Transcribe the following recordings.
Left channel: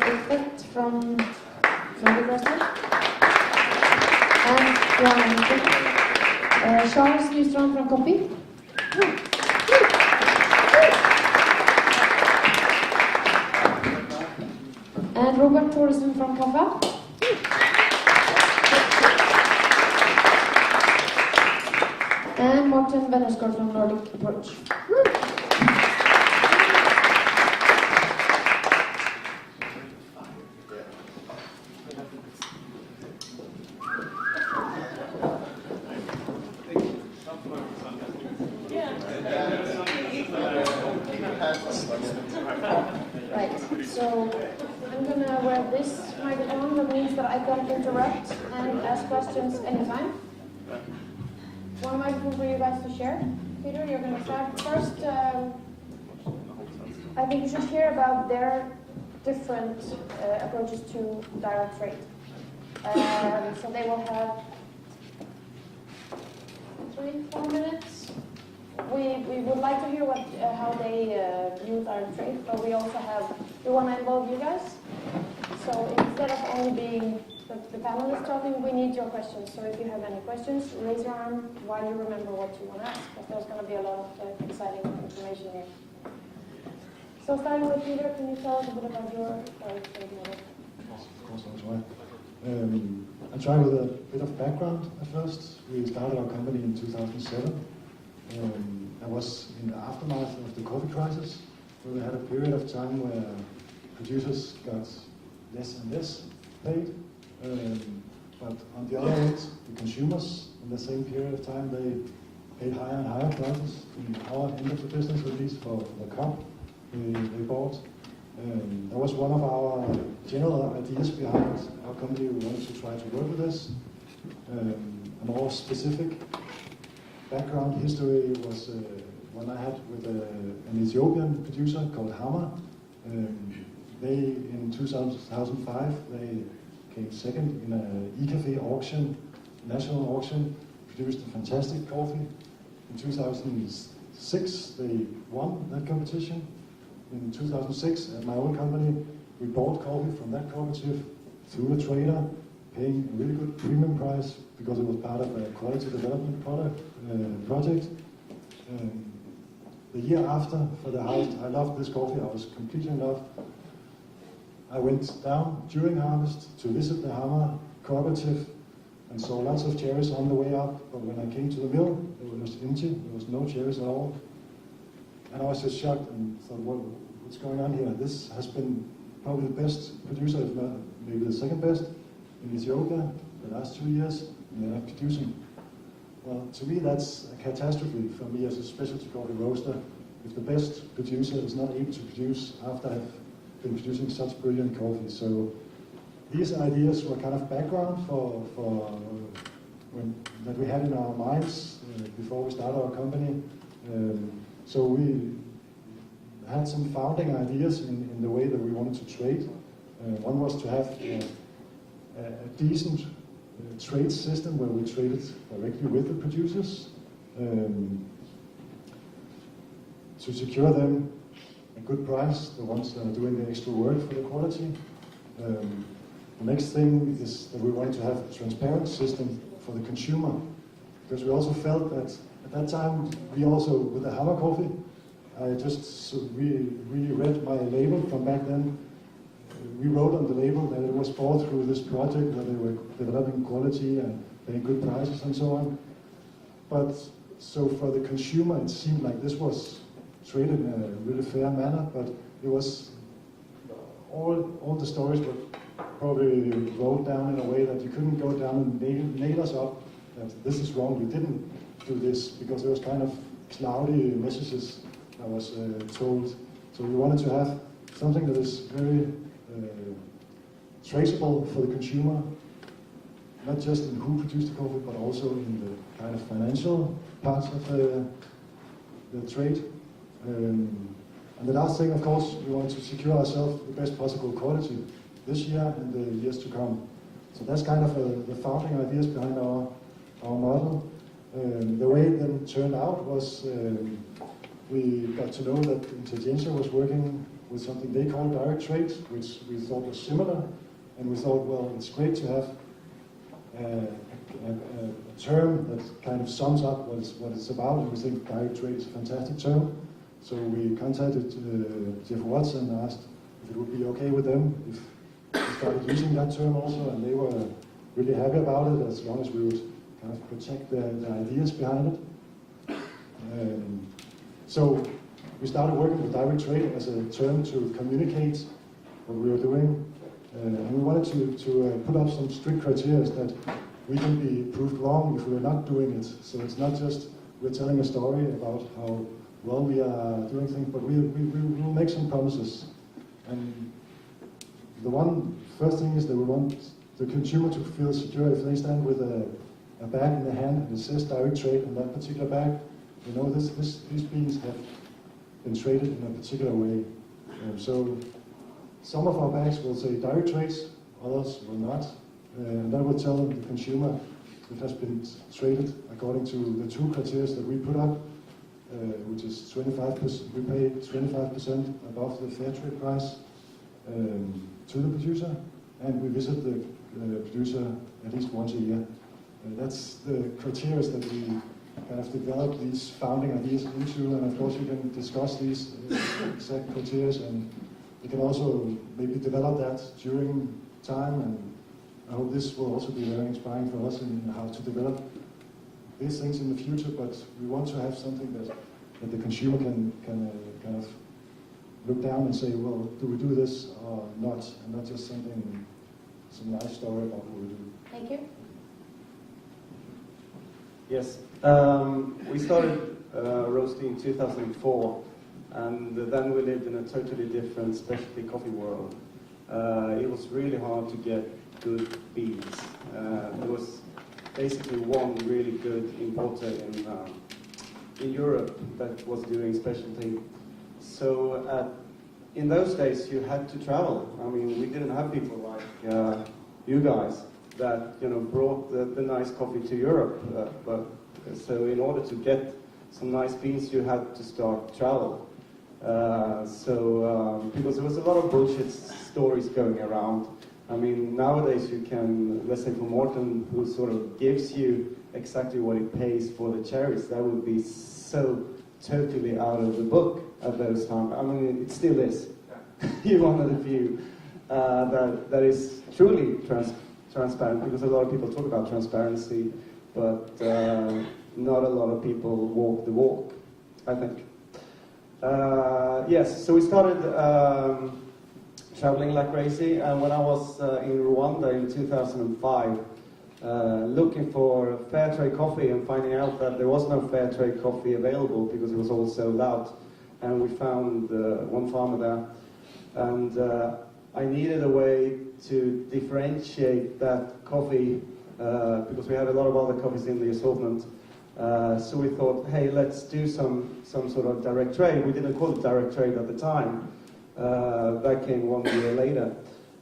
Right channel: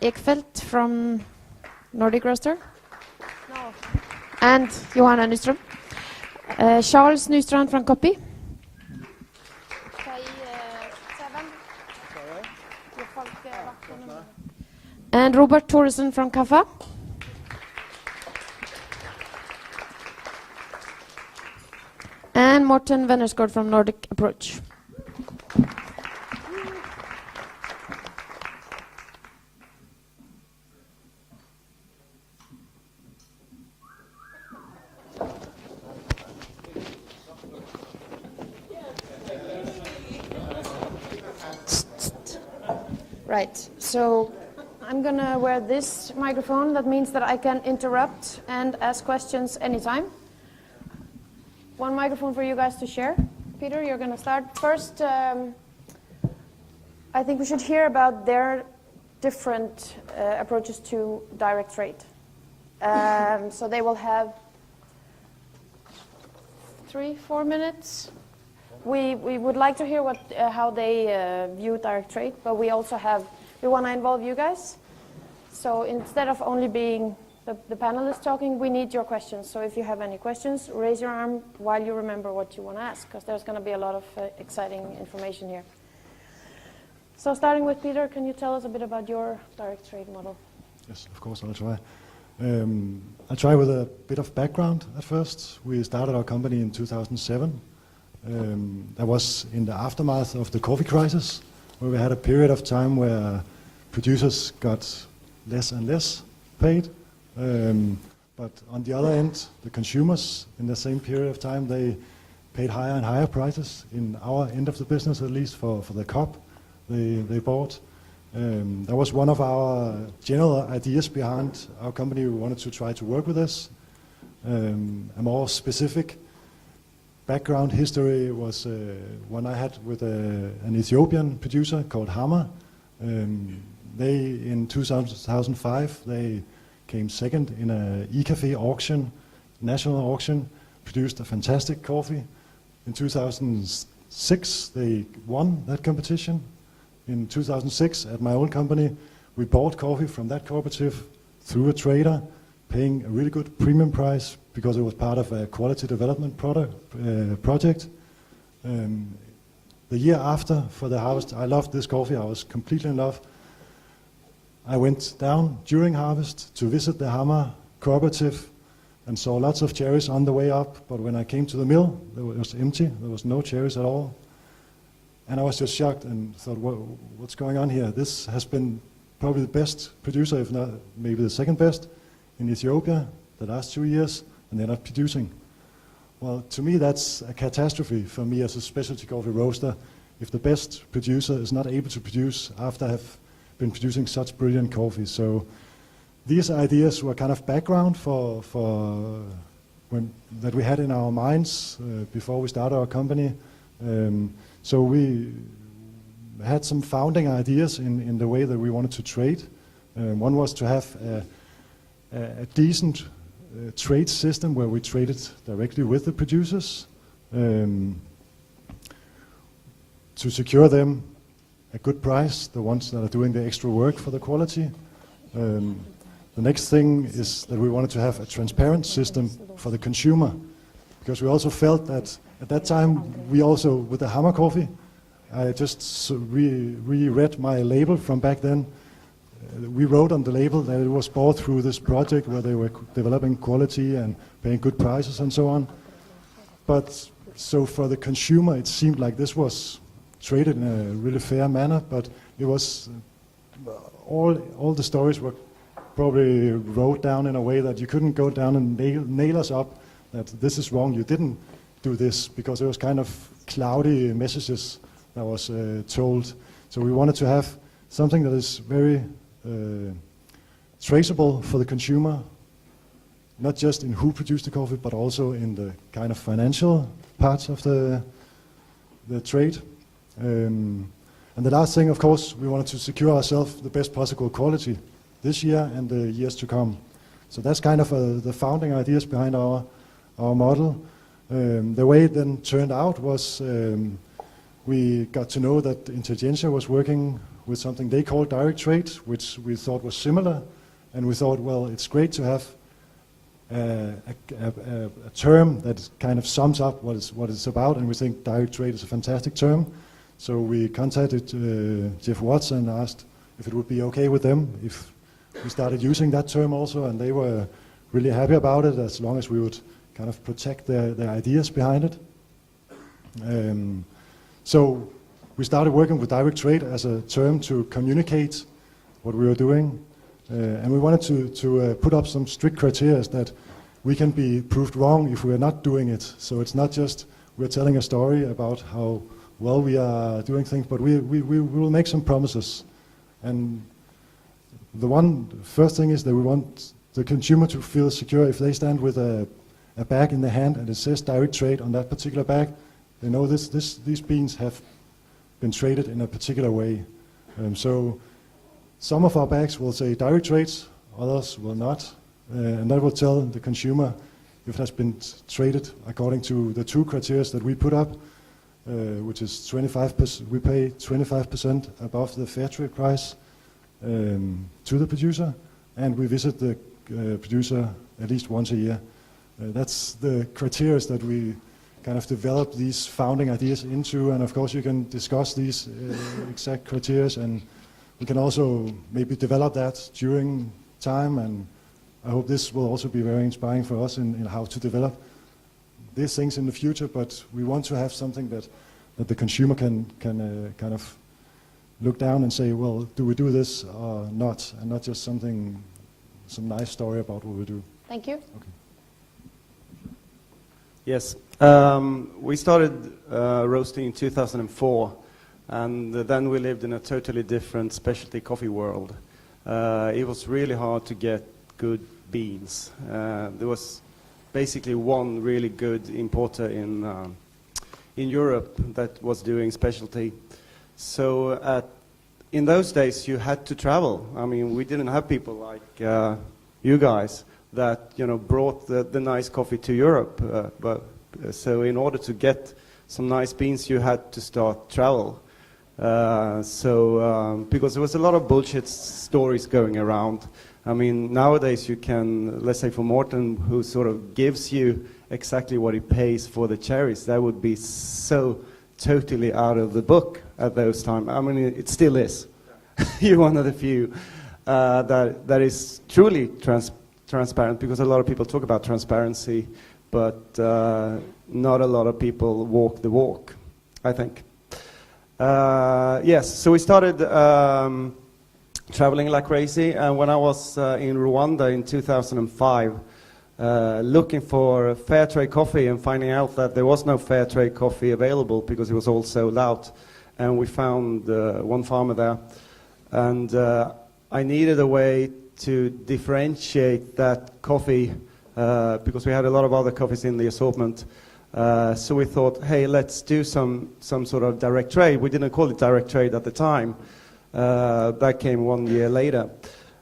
Ekfeldt from Nordic and Johan Wennersgaard. Charles Nyström from Koppi. And Robert Thoreson from Kaffa. And Morten Wennersgaard from Nordic Approach. Right, so I'm gonna wear this microphone. That means that I can interrupt and ask questions anytime. One microphone for you guys to share. Peter, you're gonna start first. I think you should hear about their different approaches to direct trade. So they will have 3-4 minutes. We would like to hear how they view direct trade, but we also want to involve you guys. So instead of only being the panelists talking, we need your questions. So if you have any questions, raise your arm while you remember what you want to ask, because there's going to be a lot of exciting information here. So starting with Peter, can you tell us a bit about your direct trade model? Yes, of course, I'll try. I'll try with a bit of background at first. We started our company in 2007. That was in the aftermath of the coffee crisis, where we had a period of time where producers got less and less paid. But on the other end, the consumers in the same period of time, they paid higher and higher prices, in our end of the business at least, for the cup they bought. That was one of our general ideas behind our company. We wanted to try to work with this. A more specific background history was one I had with an Ethiopian producer called Hammer. In 2005, they came second in an e-cafe auction, national auction, produced a fantastic coffee. In 2006, they won that competition. In 2006, at my own company, we bought coffee from that cooperative through a trader, paying a really good premium price because it was part of a quality development project. The year after, for the harvest, I loved this coffee. I was completely in love. I went down during harvest to visit the Hammer cooperative and saw lots of cherries on the way up, but when I came to the mill, it was empty. There was no cherries at all. And I was just shocked and thought, what's going on here? This has been probably the best producer, if not maybe the second best, in Ethiopia the last 2 years, and they're not producing. Well, to me, that's a catastrophe for me as a specialty coffee roaster, if the best producer is not able to produce after I have been producing such brilliant coffee. So these ideas were kind of background that we had in our minds before we started our company. So we had some founding ideas in the way that we wanted to trade. One was to have a decent trade system where we traded directly with the producers to secure them a good price, the ones that are doing the extra work for the quality. The next thing is that we wanted to have a transparent system for the consumer, because we also felt that at that time, we also, with the Hammer coffee, I just reread my label from back then. We wrote on the label that it was bought through this project where they were developing quality and paying good prices and so on. But so for the consumer, it seemed like this was traded in a really fair manner, but it was, all the stories were probably wrote down in a way that you couldn't go down and nail us up that this is wrong, you didn't do this, because it was kind of cloudy messages that was told. So we wanted to have something that is very traceable for the consumer, not just in who produced the coffee, but also in the kind of financial parts of the trade. And the last thing, of course, we wanted to secure ourselves the best possible quality this year and the years to come. So that's kind of the founding ideas behind our model. The way it then turned out was we got to know that Intelligentsia was working with something they called direct trade, which we thought was similar, and we thought, well, it's great to have a term that kind of sums up what it's about, and we think direct trade is a fantastic term. So we contacted Jeff Watts and asked if it would be okay with them if we started using that term also, and they were really happy about it as long as we would kind of protect their ideas behind it. So we started working with direct trade as a term to communicate what we were doing, and we wanted to put up some strict criteria that we can be proved wrong if we're not doing it. So it's not just we're telling a story about how well we are doing things, but we will make some promises. And the first thing is that we want the consumer to feel secure. If they stand with a bag in their hand and it says direct trade on that particular bag, they know these beans have been traded in a particular way. So some of our bags will say direct trades, others will not. And that will tell the consumer if it has been traded according to the two criteria that we put up, which is 25%. We pay 25% above the fair trade price to the producer, and we visit the producer at least once a year. That's the criteria that we kind of develop these founding ideas into, and of course you can discuss these exact criteria, and we can also maybe develop that during time, and I hope this will also be very inspiring for us in how to develop these things in the future, but we want to have something that the consumer can kind of look down and say, well, do we do this or not, and not just some nice story about what we do. Thank you. Okay. Yes, we started roasting in 2004, and then we lived in a totally different specialty coffee world. It was really hard to get good beans. There was basically one really good importer in Europe that was doing specialty. So in those days you had to travel. I mean, we didn't have people like you guys that brought the nice coffee to Europe. So in order to get some nice beans, you had to start travel. Because there was a lot of bullshit stories going around. I mean, nowadays you can, let's say for Morten, who sort of gives you exactly what he pays for the cherries, that would be so totally out of the book at those times. I mean, it still is. You're one of the few that is truly transparent, because a lot of people talk about transparency, but not a lot of people walk the walk, I think. Yes, so we started traveling like crazy, and when I was in Rwanda in 2005, looking for fair trade coffee and finding out that there was no fair trade coffee available because it was all sold out, and we found one farmer there, and I needed a way to differentiate that coffee because we had a lot of other coffees in the assortment. So we thought, hey, let's do some sort of direct trade. We didn't call it direct trade at the time. That came 1 year later.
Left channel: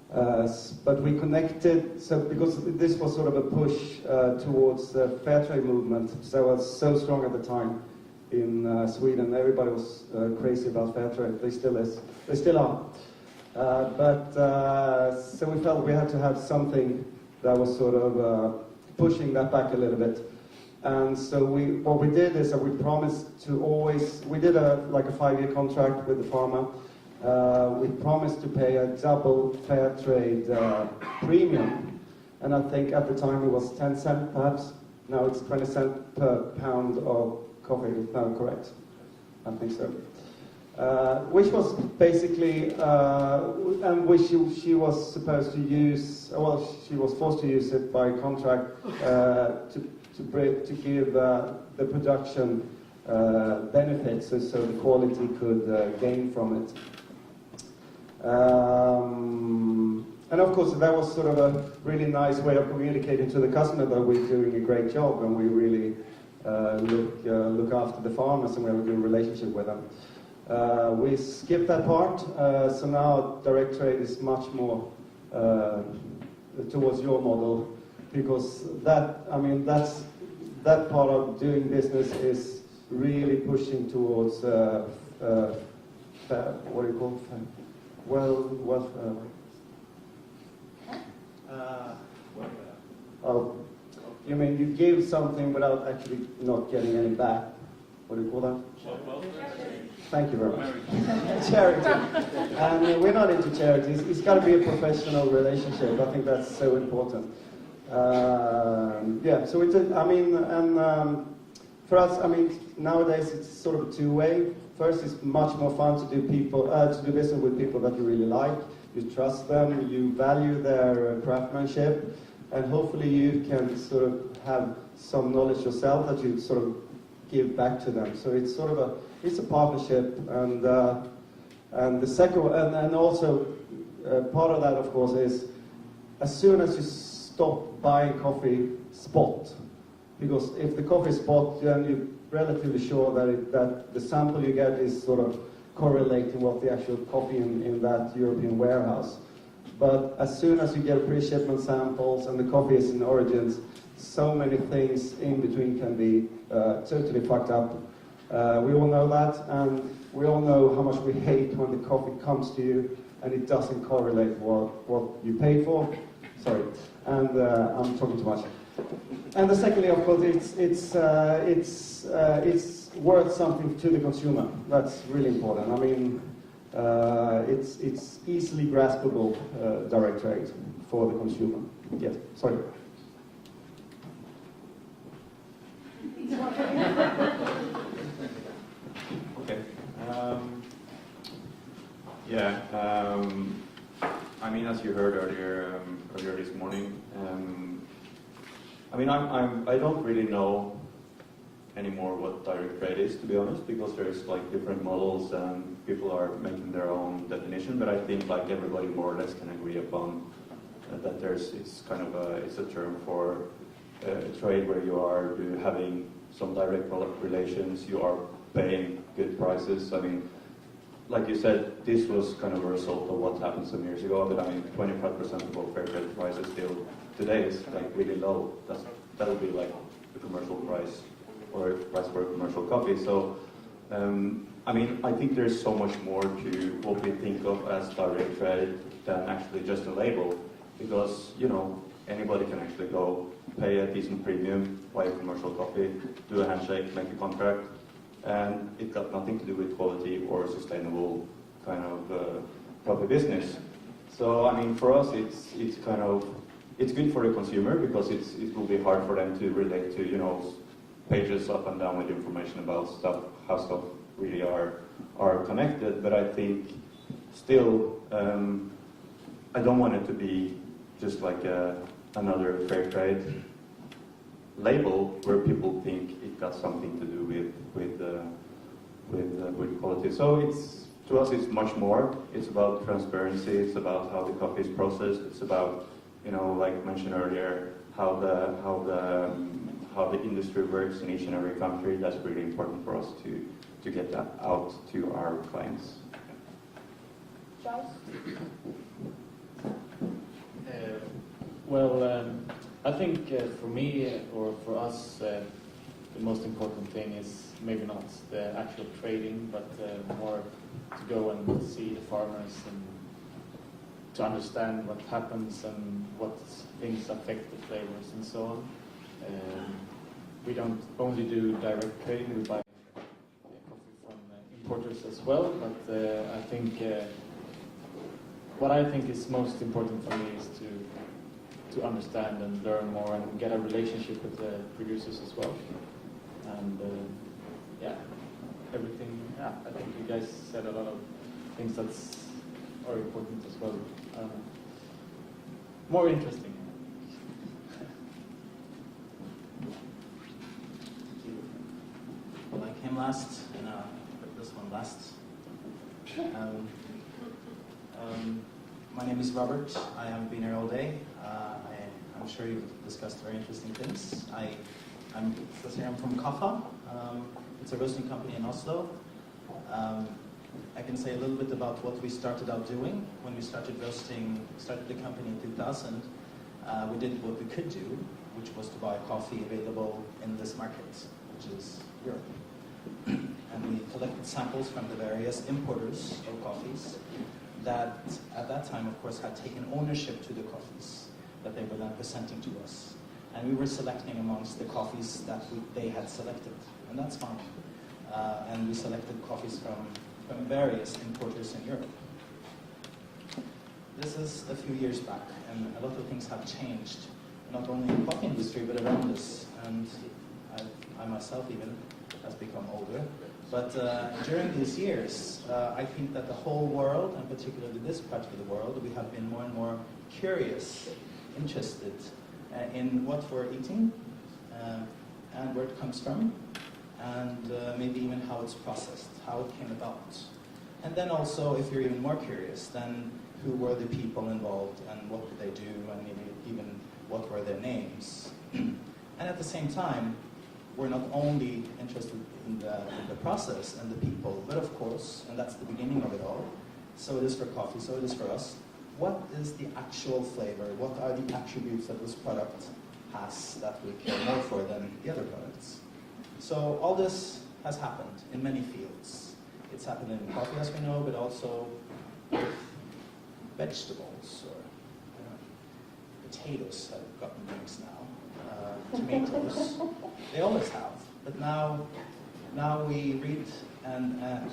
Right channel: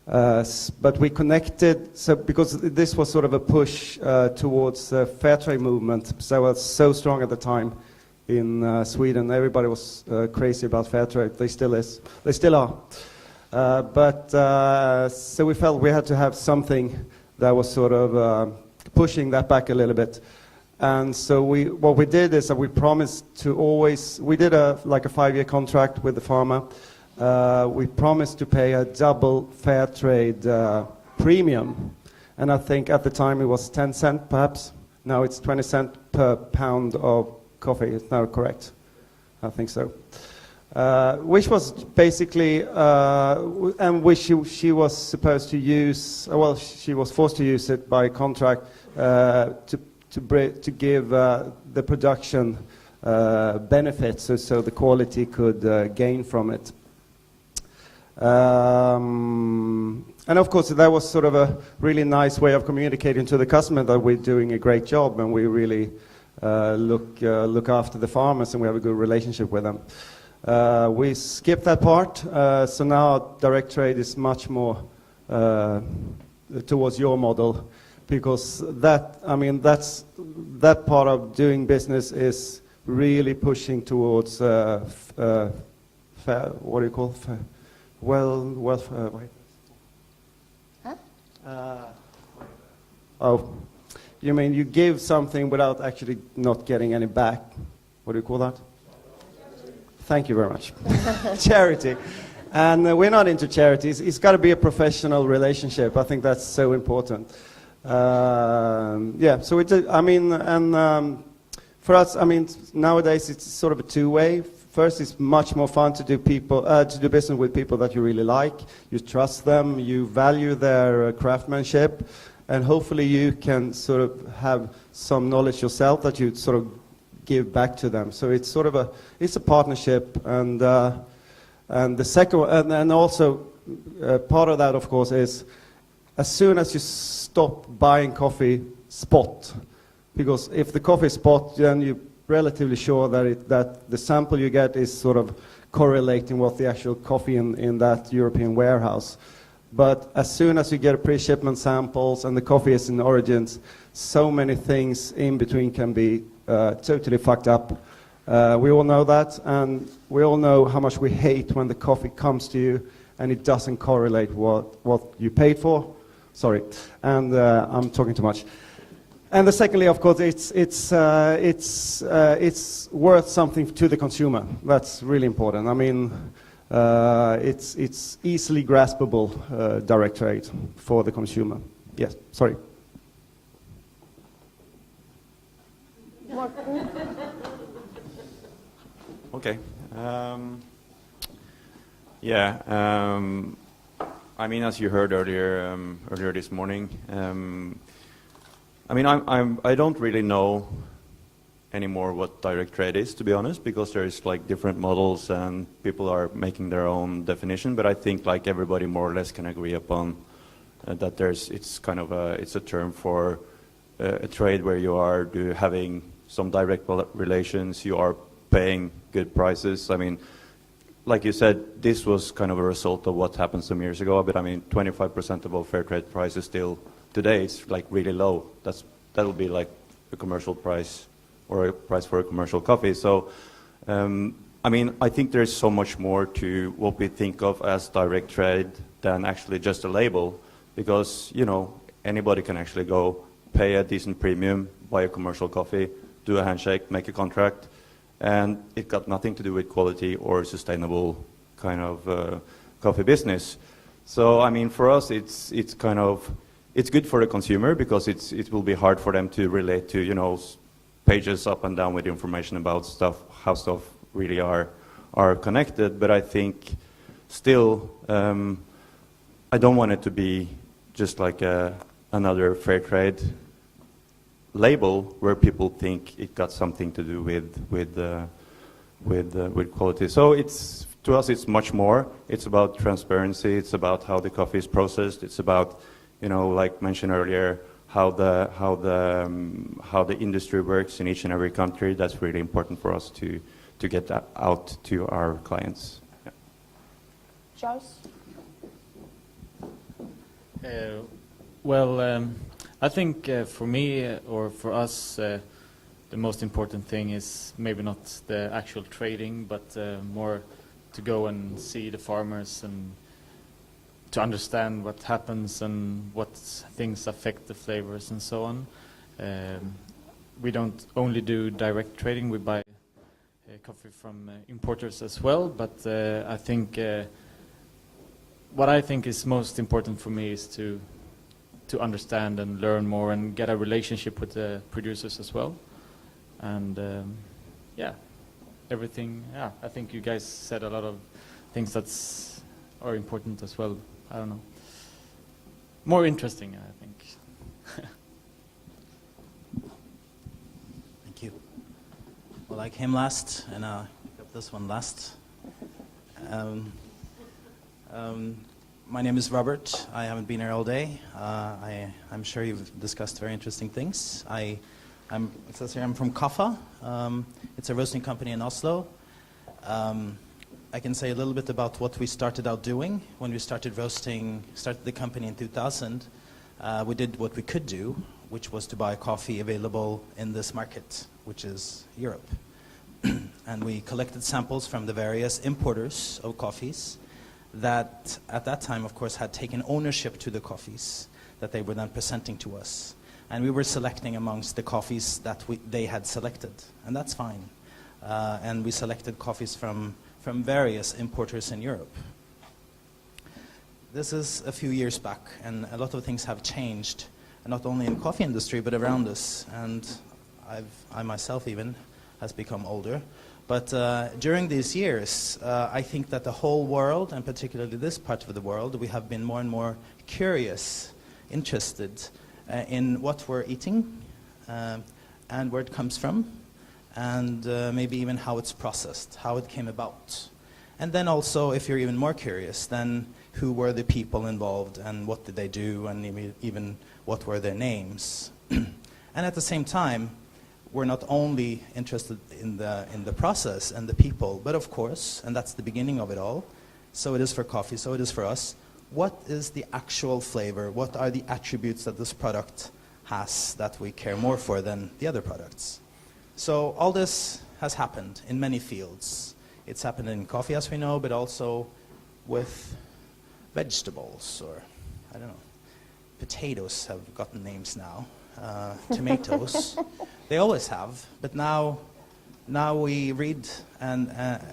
But we connected, so because this was sort of a push towards the fair trade movement. So it was so strong at the time in Sweden. Everybody was crazy about fair trade. They still is. They still are. So we felt we had to have something that was sort of pushing that back a little bit. And so what we did is that we promised to always, we did a 5-year contract with the farmer. We promised to pay a double fair trade premium. And I think at the time it was 10 cents perhaps. Now it's 20 cents per pound of coffee, is that correct? I think so. Which was basically, and which she was supposed to use, well, she was forced to use it by contract to give the production benefits, so the quality could gain from it. And of course, that was sort of a really nice way of communicating to the customer that we're doing a great job and we really look after the farmers and we have a good relationship with them. We skipped that part, so now direct trade is much more towards your model, because that part of doing business is really pushing towards what do you call oh, you mean you give something without actually not getting any back? What do you call that? Thank you very much. Charity. And we're not into charities. It's got to be a professional relationship. I think that's so important. Yeah, so for us, I mean, nowadays it's sort of a two-way. First, it's much more fun to do business with people that you really like. You trust them, you value their craftsmanship, and hopefully you can sort of have some knowledge yourself that you sort of give back to them. So it's sort of a partnership, and the second one, and also part of that, of course, is as soon as you stop buying coffee spot, because if the coffee is spot, then you're relatively sure that the sample you get is sort of correlating with the actual coffee in that European warehouse. But as soon as you get pre-shipment samples and the coffee is in origins, so many things in between can be totally fucked up. We all know that, and we all know how much we hate when the coffee comes to you and it doesn't correlate what you paid for. Sorry, and I'm talking too much. And the secondly, of course, it's worth something to the consumer. That's really important. I mean, it's easily graspable direct trade for the consumer. Yes, sorry. Okay. I mean, as you heard earlier this morning, I mean, I don't really know anymore what direct trade is, to be honest, because there's like different models and people are making their own definition. But I think like everybody more or less can agree upon that it's a term for a trade where you are having some direct relations, you are paying good prices. I mean, like you said, this was kind of a result of what happened some years ago, but I mean, 25% of all fair trade prices still today is like really low. That would be like a commercial price or a price for a commercial coffee. So, I mean, I think there's so much more to what we think of as direct trade than actually just a label, because, you know, anybody can actually go pay a decent premium, buy a commercial coffee, do a handshake, make a contract, and it got nothing to do with quality or sustainable kind of coffee business. So, I mean, for us, it's good for the consumer because it will be hard for them to relate to, you know, pages up and down with information about how stuff really are connected. But I think still, I don't want it to be just like another fair trade label where people think it got something to do with quality. So to us it's much more. It's about transparency. It's about how the coffee is processed. It's about, you know, like mentioned earlier, how the industry works in each and every country. That's really important for us to get that out to our clients. Yeah. Charles? I think for me or for us, the most important thing is maybe not the actual trading, but more to go and see the farmers and to understand what happens and what things affect the flavors and so on. We don't only do direct trading, we buy coffee from importers as well, but I think what I think is most important for me is to understand and learn more and get a relationship with the producers as well. And everything, I think you guys said a lot of things are important as well. I don't know. More interesting, I think. Thank you. Well, I came last, and this one last. My name is Robert. I haven't been here all day. I'm sure you've discussed very interesting things. It says here I'm from Kaffa. It's a roasting company in Oslo. I can say a little bit about what we started out doing. When we started the company in 2000, we did what we could do, which was to buy coffee available in this market, which is Europe. and we collected samples from the various importers of coffees that at that time, of course, had taken ownership to the coffees that they were then presenting to us. And we were selecting amongst the coffees that they had selected, and that's fine. And we selected coffees from various importers in Europe. This is a few years back, and a lot of things have changed, not only in the coffee industry, but around us. And I myself even has become older. But during these years, I think that the whole world, and particularly this part of the world, we have been more and more curious, interested in what we're eating, and where it comes from, and maybe even how it's processed, how it came about. And then also, if you're even more curious, then who were the people involved, and what did they do, and even what were their names. And at the same time, we're not only interested in the process and the people, but of course, and that's the beginning of it all, so it is for coffee, so it is for us, what is the actual flavor, what are the attributes that this product has that we care more for than the other products. So all this has happened in many fields. It's happened in coffee, as we know, but also with vegetables, or I don't know, potatoes have gotten names now, tomatoes. They always have, but now we read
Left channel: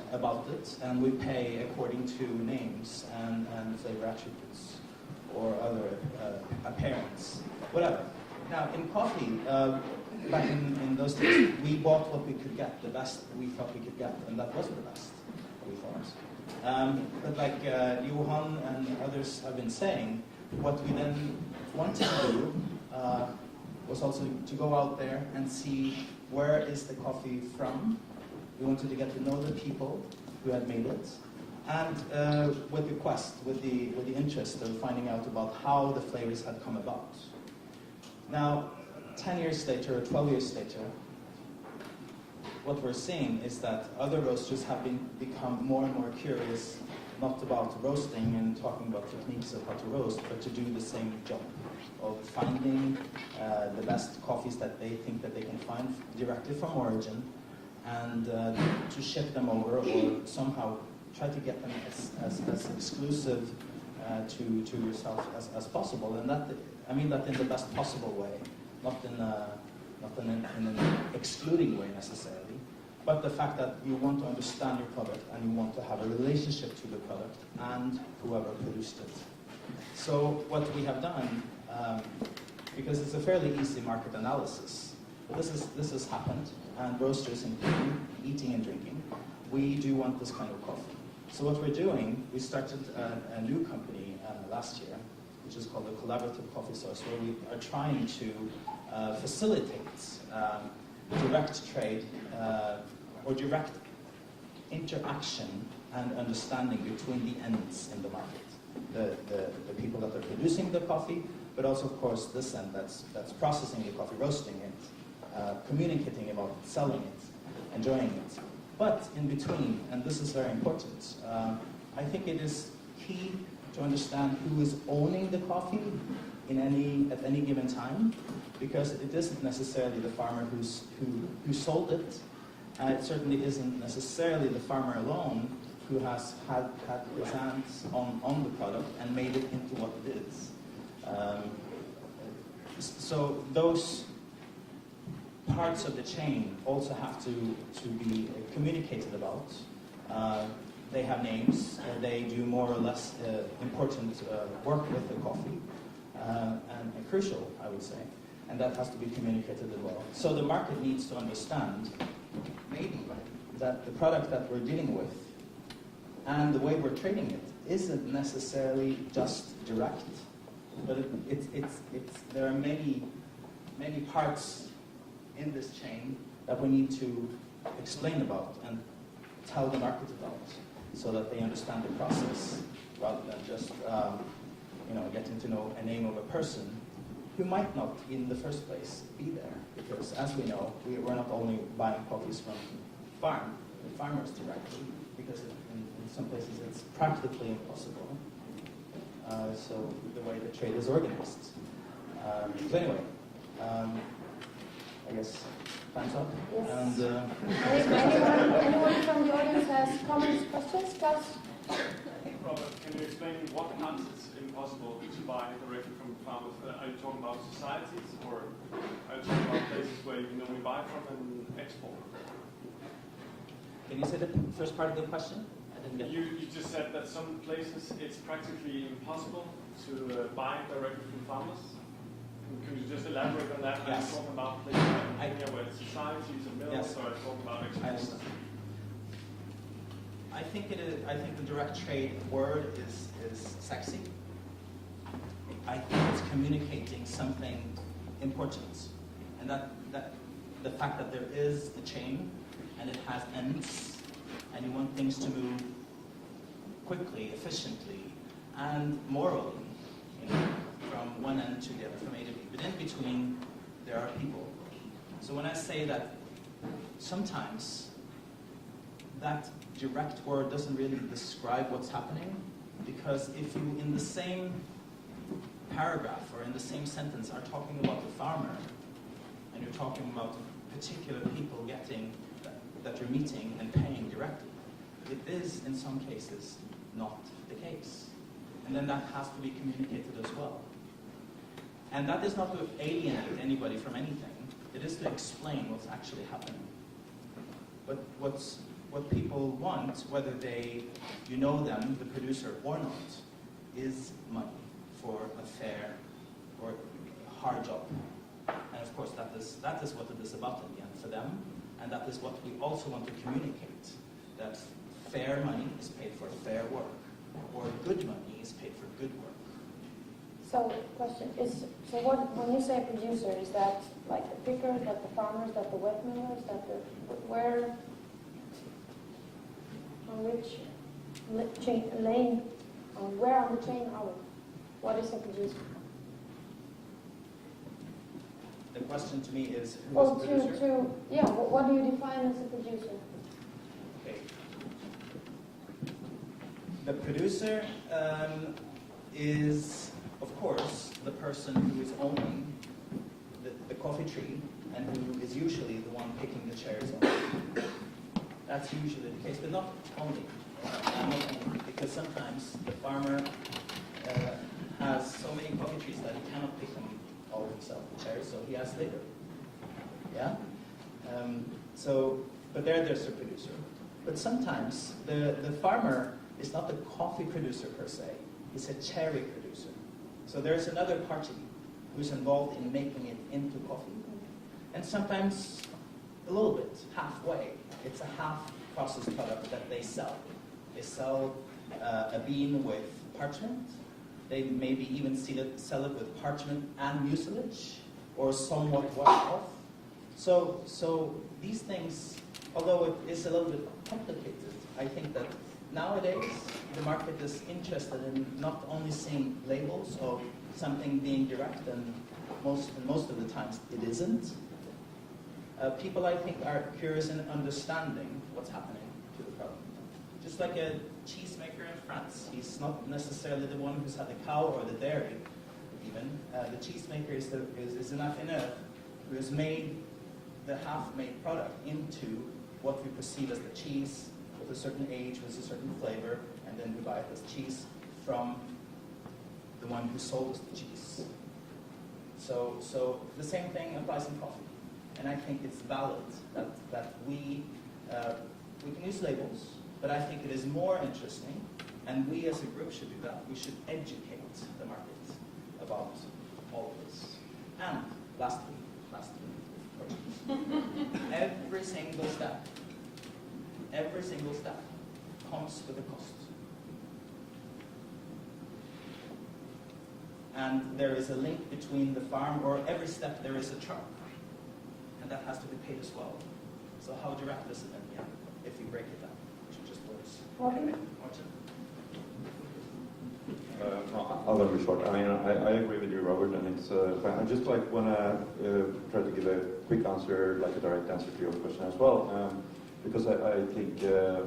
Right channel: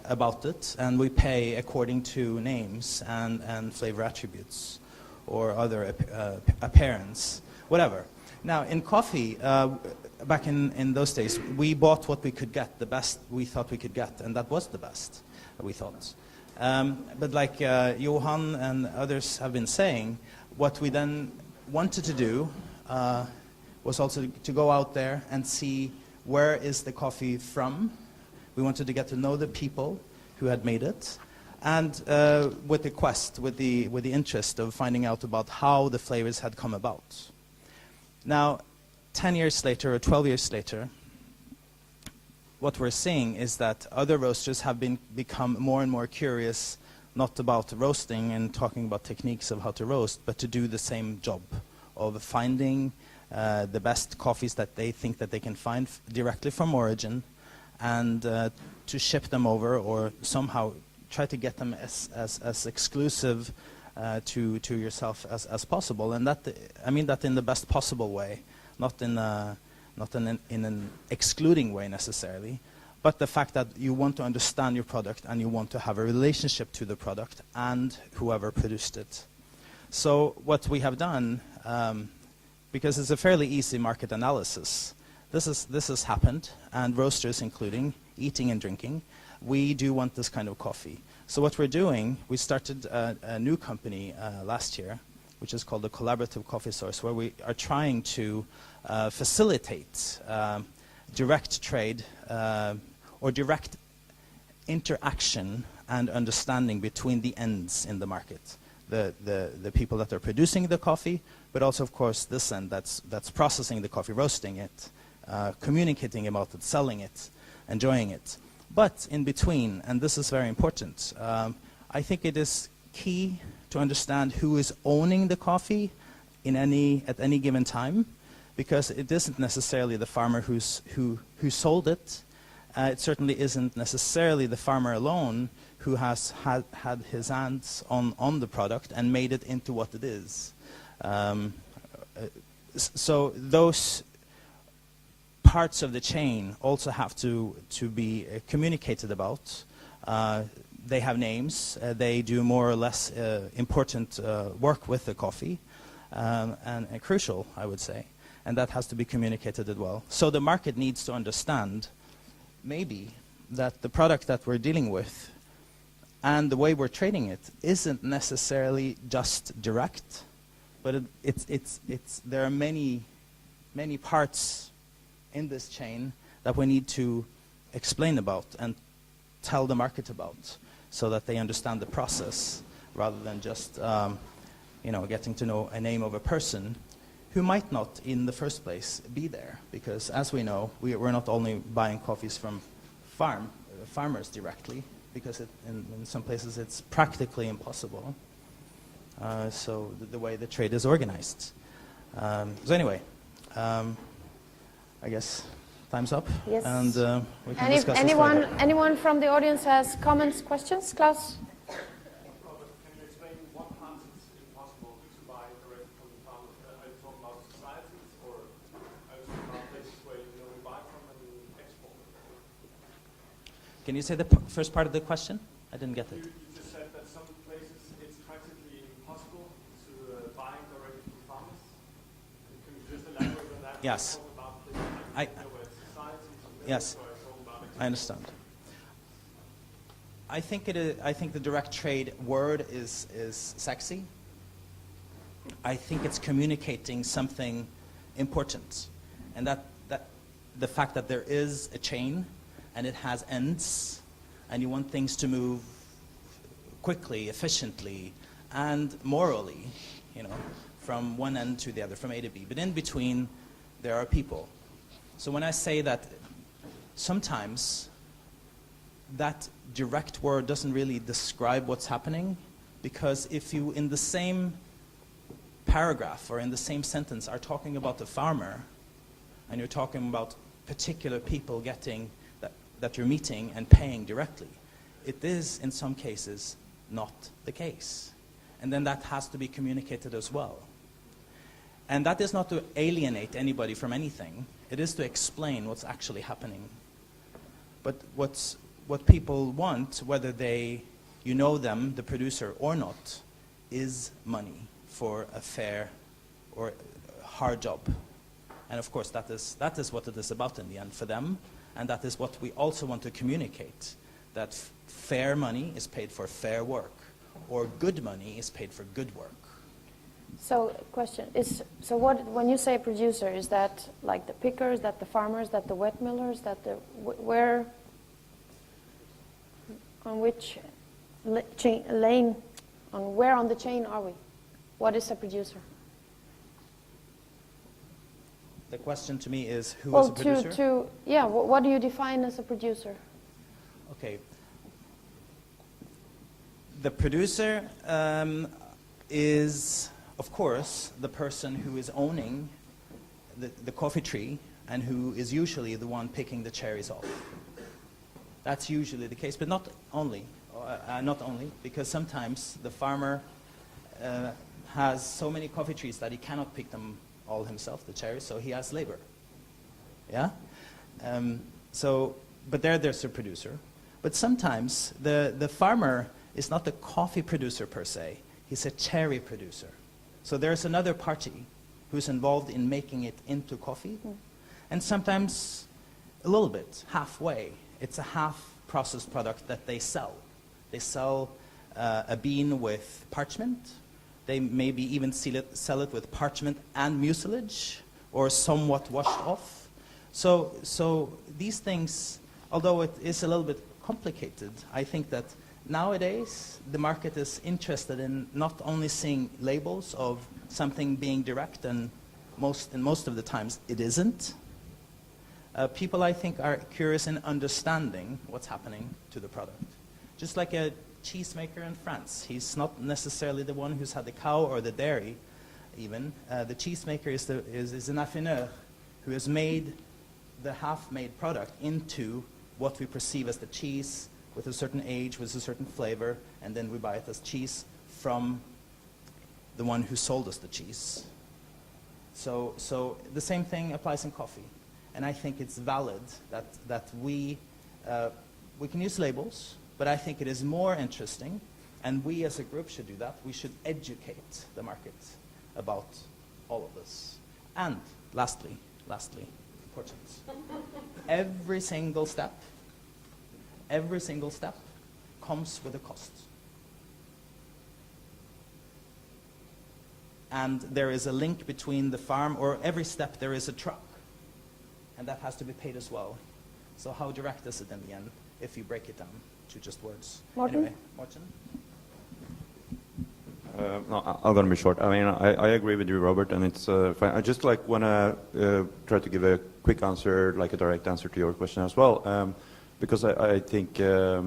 about it, and we pay according to names and flavor attributes, or other appearance, whatever. Now, in coffee, back in those days, we bought what we could get, the best we thought we could get, and that was the best, we thought. But like Johan and others have been saying, what we then wanted to do was also to go out there and see where is the coffee from. We wanted to get to know the people who had made it, and with the quest, with the interest of finding out about how the flavors had come about. Now, 10 years later or 12 years later, what we're seeing is that other roasters have become more and more curious, not about roasting and talking about techniques of how to roast, but to do the same job of finding the best coffees that they think that they can find directly from origin, and to ship them over, or somehow try to get them as exclusive to yourself as possible. And that, I mean that in the best possible way, not in an excluding way necessarily, but the fact that you want to understand your product and you want to have a relationship to the product and whoever produced it. So what we have done, because it's a fairly easy market analysis, this has happened, and roasters including, eating and drinking, we do want this kind of coffee. So what we're doing, we started a new company last year, which is called the Collaborative Coffee Source, where we are trying to facilitate direct trade or direct interaction and understanding between the ends in the market. The people that are producing the coffee, but also, of course, this end that's processing the coffee, roasting it, communicating about it, selling it, enjoying it. But in between, and this is very important, I think it is key to understand who is owning the coffee at any given time, because it isn't necessarily the farmer who sold it. It certainly isn't necessarily the farmer alone who has had his hands on the product and made it into what it is. So those parts of the chain also have to be communicated about. They have names. They do more or less important work with the coffee, and crucial, I would say. And that has to be communicated as well. So the market needs to understand, maybe, that the product that we're dealing with and the way we're trading it isn't necessarily just direct, but there are many parts in this chain that we need to explain about and tell the market about, so that they understand the process, rather than just getting to know a name of a person who might not, in the first place, be there. Because as we know, we're not only buying coffees from farmers directly, because in some places it's practically impossible. So the way the trade is organized. So anyway, I guess Time's up. Yes. And we can discuss this later. Anyone from the audience has comments, questions? Klaus? Robert, can you explain what parts it's impossible to buy directly from farmers? Are you talking about societies, or are you talking about places where you can only buy from and export? Can you say the first part of the question? I didn't get it. You just said that some places it's practically impossible to buy directly from farmers. Could you just elaborate on that? Yes. Are you talking about places like where it's societies and mills, Yes. or are you talking about export? I understand. I think it is. I think the direct trade word is sexy. I think it's communicating something important, and that the fact that there is a chain, and it has ends, and you want things to move quickly, efficiently, and morally, from one end to the other, from A to B. But in between, there are people. So when I say that, sometimes that direct word doesn't really describe what's happening, because if you, in the same paragraph or in the same sentence, are talking about the farmer, and you're talking about particular people getting that you're meeting and paying directly, it is in some cases not the case. And then that has to be communicated as well. And that is not to alienate anybody from anything. It is to explain what's actually happening. But what people want, whether you know them, the producer, or not, is money for a fair or hard job. And of course, that is what it is about in the end for them. And that is what we also want to communicate, that fair money is paid for fair work, or good money is paid for good work. So, question is, when you say producer, is that like the pickers, that the farmers, that the wet millers, that the, where, on which lane, where on the chain are we? What is a producer? The question to me is, who is a producer? What do you define as a producer? Okay. The producer is, of course, the person who is owning the coffee tree and who is usually the one picking the cherries off. That's usually the case, but not only, because sometimes the farmer has so many coffee trees that he cannot pick them all himself, the cherries, so he has labor. Yeah? But there's a producer. But sometimes the farmer is not the coffee producer per se, he's a cherry producer. So there's another party who's involved in making it into coffee, and sometimes a little bit, halfway. It's a half-processed product that they sell. They sell a bean with parchment. They maybe even sell it with parchment and mucilage, or somewhat washed off. So these things, although it is a little bit complicated, I think that nowadays the market is interested in not only seeing labels of something being direct, and most of the times it isn't. People, I think, are curious in understanding what's happening to the product. Just like a cheesemaker in France. He's not necessarily the one who's had the cow or the dairy, even. The cheesemaker is an affineur who has made the half-made product into what we perceive as the cheese, with a certain age, with a certain flavor, and then we buy it as cheese from the one who sold us the cheese. So the same thing applies in coffee. And I think it's valid that we can use labels, but I think it is more interesting, and we as a group should do that. We should educate the market about all of this. And lastly, important, every single step comes with a cost. And there is a link between the farm, or every step there is a truck. And that has to be paid as well. So how direct is it in the end, if you break it down to just words? Morten? Anyway, Morten? No, I'm going to be short. I mean, I agree with you, Robert, and it's fine. I just want to try to give a quick answer, like a direct answer to your question as well, because I think there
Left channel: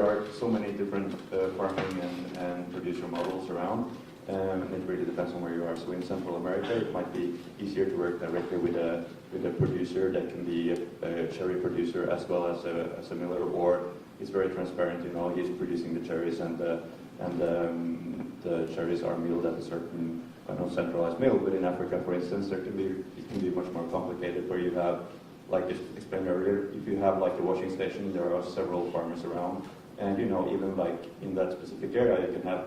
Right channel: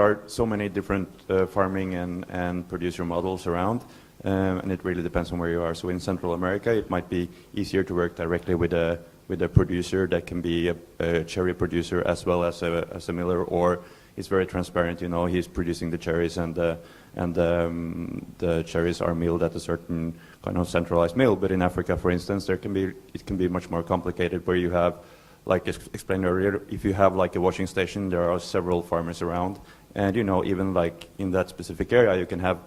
are so many different farming and producer models around, and it really depends on where you are. So in Central America, it might be easier to work directly with a with a producer that can be a cherry producer as well as a miller, or it's very transparent. You know, he's producing the cherries and the cherries are milled at a certain kind of centralized mill. But in Africa, for instance, it can be much more complicated, where you have, like explained earlier, if you have like a washing station, there are several farmers around, and you know, even like in that specific area, you can have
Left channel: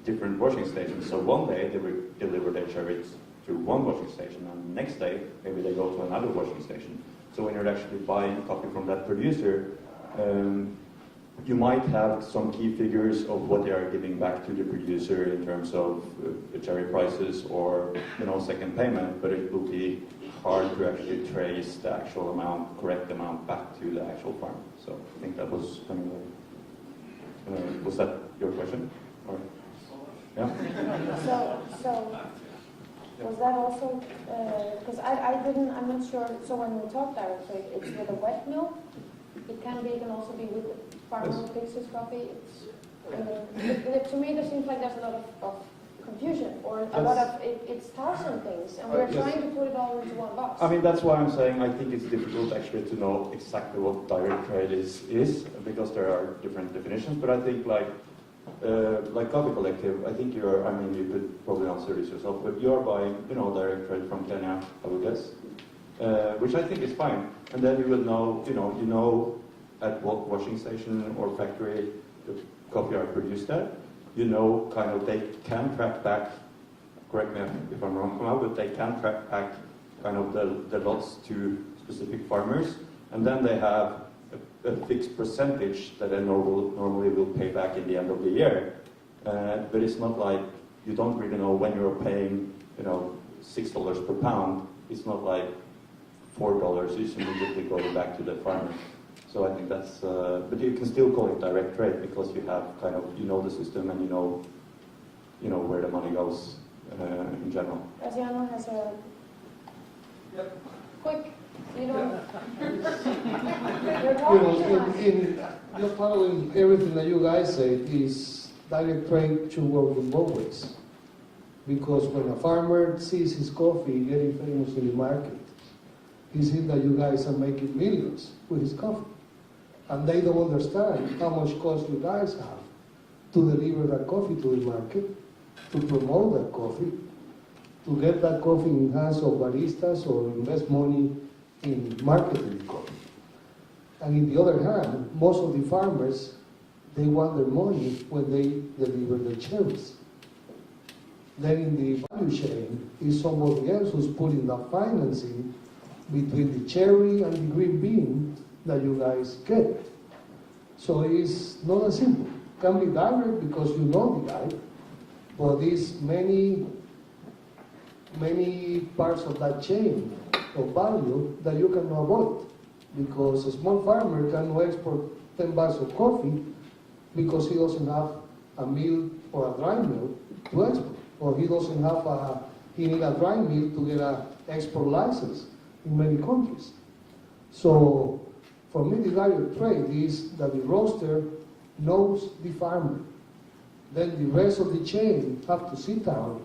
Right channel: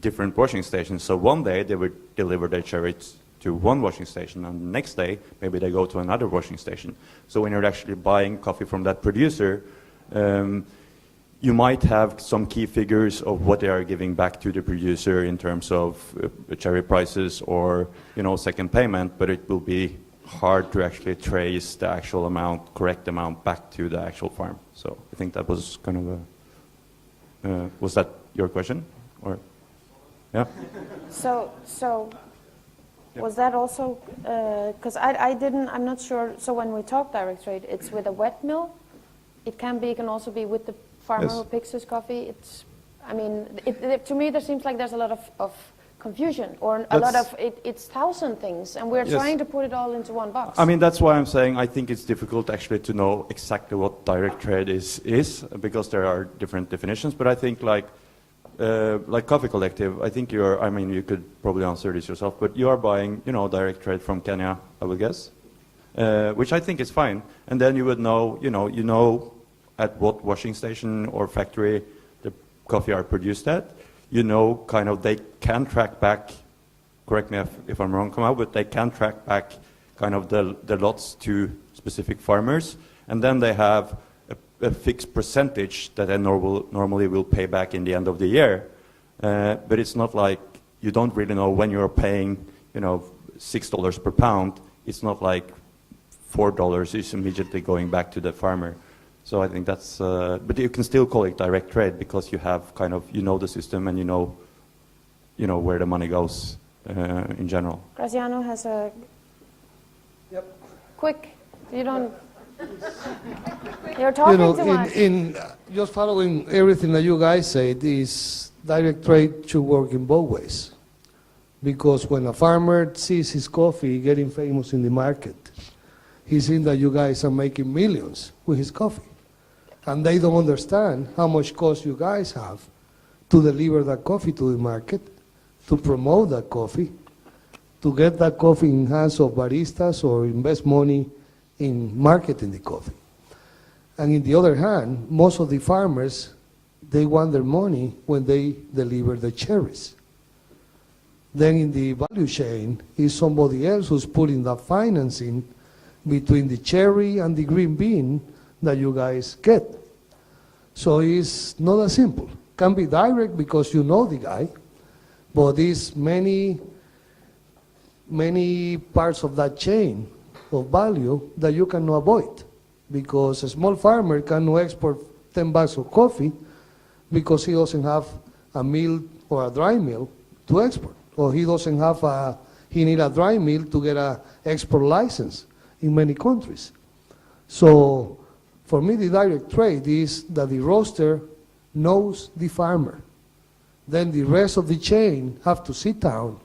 different washing stations. So one day they would deliver their cherries to one washing station, and the next day maybe they go to another washing station. So when you're actually buying coffee from that producer, you might have some key figures of what they are giving back to the producer in terms of cherry prices or, you know, second payment, but it will be hard to actually trace the actual amount, correct amount, back to the actual farm. So I think that was kind of a, was that your question? Or, yeah? So was that also, because I'm not sure, so when we talk direct trade, it's with a wet mill? It can also be with the farmer Yes. who picks his coffee. I mean, to me, there seems like there's a lot of confusion, or a lot of it's thousand things, and we're Yes. trying to put it all into one box. I mean, that's why I'm saying I think it's difficult actually to know exactly what direct trade is because there are different definitions. But I think like Coffee Collective, I think I mean, you could probably answer this yourself, but you are buying, you know, direct trade from Kenya, I would guess, which I think is fine. And then you would know, you know at what washing station or factory the coffee are produced at. You know, kind of, they can track back, correct me if I'm wrong, come out, but they can track back kind of the lots to specific farmers, and then they have a fixed percentage that they normally will pay back in the end of the year. But it's not like, you don't really know when you're paying, you know, $6 per pound. It's not like $4 is immediately going back to the farmer. So I think that's, but you can still call it direct trade because you have kind of, you know the system and you know where the money goes in general. Graziano has a quick. You don't. You're talking too much. In just following everything that you guys said, is direct trade should work in both ways. Because when a farmer sees his coffee getting famous in the market, he's seeing that you guys are making millions with his coffee. And they don't understand how much cost you guys have to deliver that coffee to the market, to promote that coffee, to get that coffee in hands of baristas or invest money in marketing the coffee. And in the other hand, most of the farmers, they want their money when they deliver the cherries. Then in the value chain is somebody else who's putting the financing between the cherry and the green bean that you guys get. So it's not as simple. Can be direct because you know the guy, but it's many parts of that chain of value that you cannot avoid, because a small farmer cannot export 10 bags of coffee because he doesn't have a mill or a dry mill to export, or he doesn't have he need a dry mill to get an export license in many countries. So for me, the direct trade is that the roaster knows the farmer. Then the rest of the chain have to sit down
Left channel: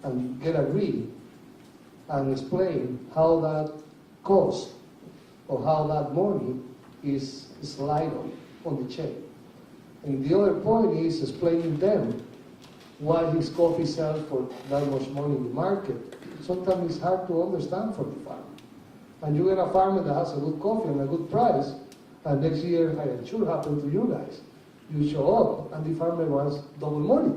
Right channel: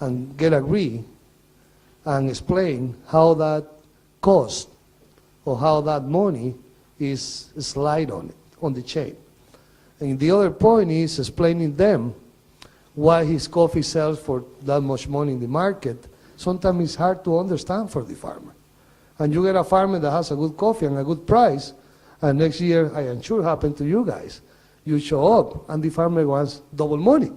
and get agree and explain how that cost or how that money is slide on the chain. And the other point is explaining them why his coffee sells for that much money in the market. Sometimes it's hard to understand for the farmer. And you get a farmer that has a good coffee and a good price, and next year, I am sure happened to you guys, you show up and the farmer wants double money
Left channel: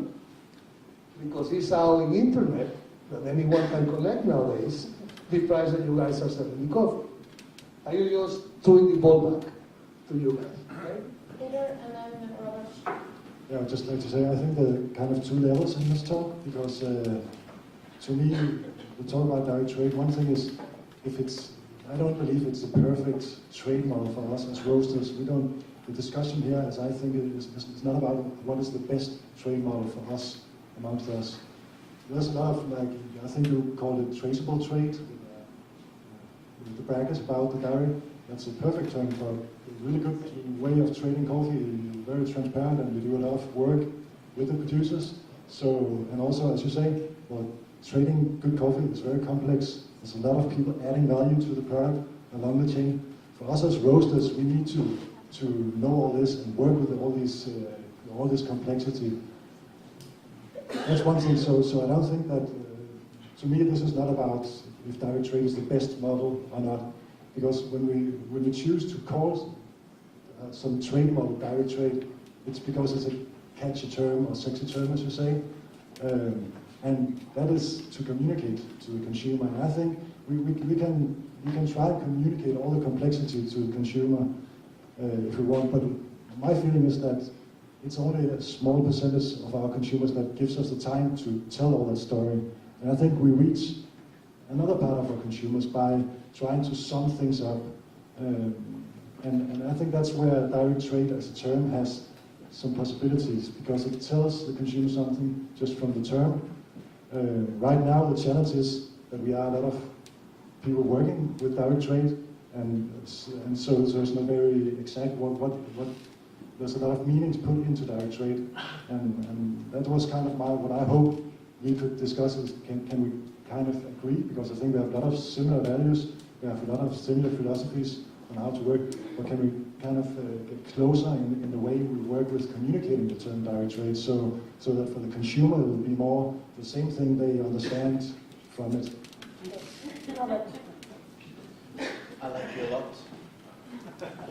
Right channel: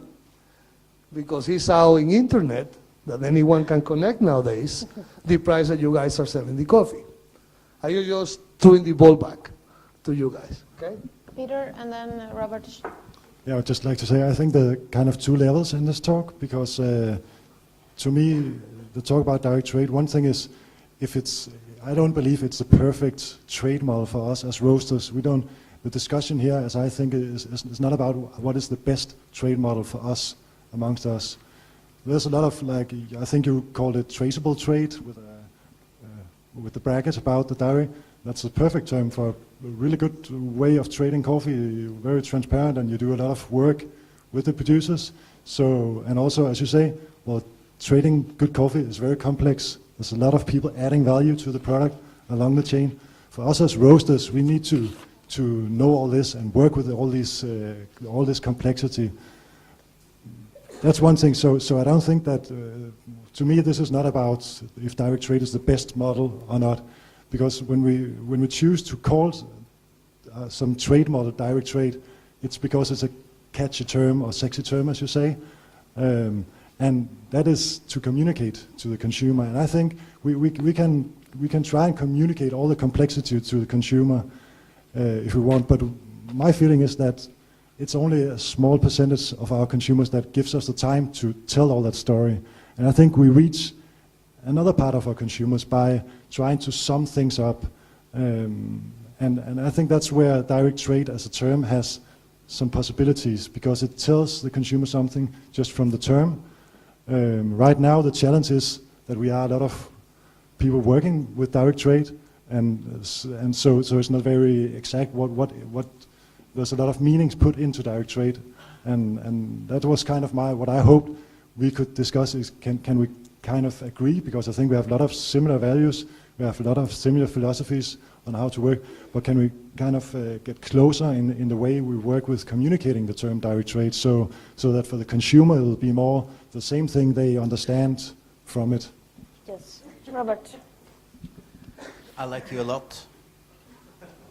because he saw in internet that anyone can connect nowadays the price that you guys are selling the coffee. I just throwing the ball back to you guys. Okay? Peter and then Robert. Yeah, I'd just like to say I think there are kind of two levels in this talk, because to me, the talk about direct trade, one thing is, I don't believe it's the perfect trade model for us as roasters. The discussion here, as I think, is not about what is the best trade model for us amongst us. There's a lot of, like, I think you called it traceable trade with the brackets about the dairy. That's a perfect term for a really good way of trading coffee. You're very transparent and you do a lot of work with the producers. So, and also, as you say, well, trading good coffee is very complex. There's a lot of people adding value to the product along the chain. For us as roasters, we need to know all this and work with all this complexity. That's one thing. So I don't think that, to me, this is not about if direct trade is the best model or not, because when we choose to call some trade model direct trade, it's because it's a catchy term or sexy term, as you say, and that is to communicate to the consumer. And I think we can try and communicate all the complexity to the consumer if we want. But my feeling is that it's only a small percentage of our consumers that gives us the time to tell all that story. And I think we reach another part of our consumers by trying to sum things up. And I think that's where direct trade as a term has some possibilities, because it tells the consumer something just from the term. Right now the challenge is that we are a lot of people working with direct trade, and so it's not very exact what there's a lot of meanings put into direct trade, and that was kind of what I hope we could discuss is can we kind of agree, because I think we have a lot of similar values, we have a lot of similar philosophies on how to work, but can we kind of get closer in the way we work with communicating the term direct trade, so that for the consumer it will be more the same thing they understand from it. Yes. Robert. I like you a lot.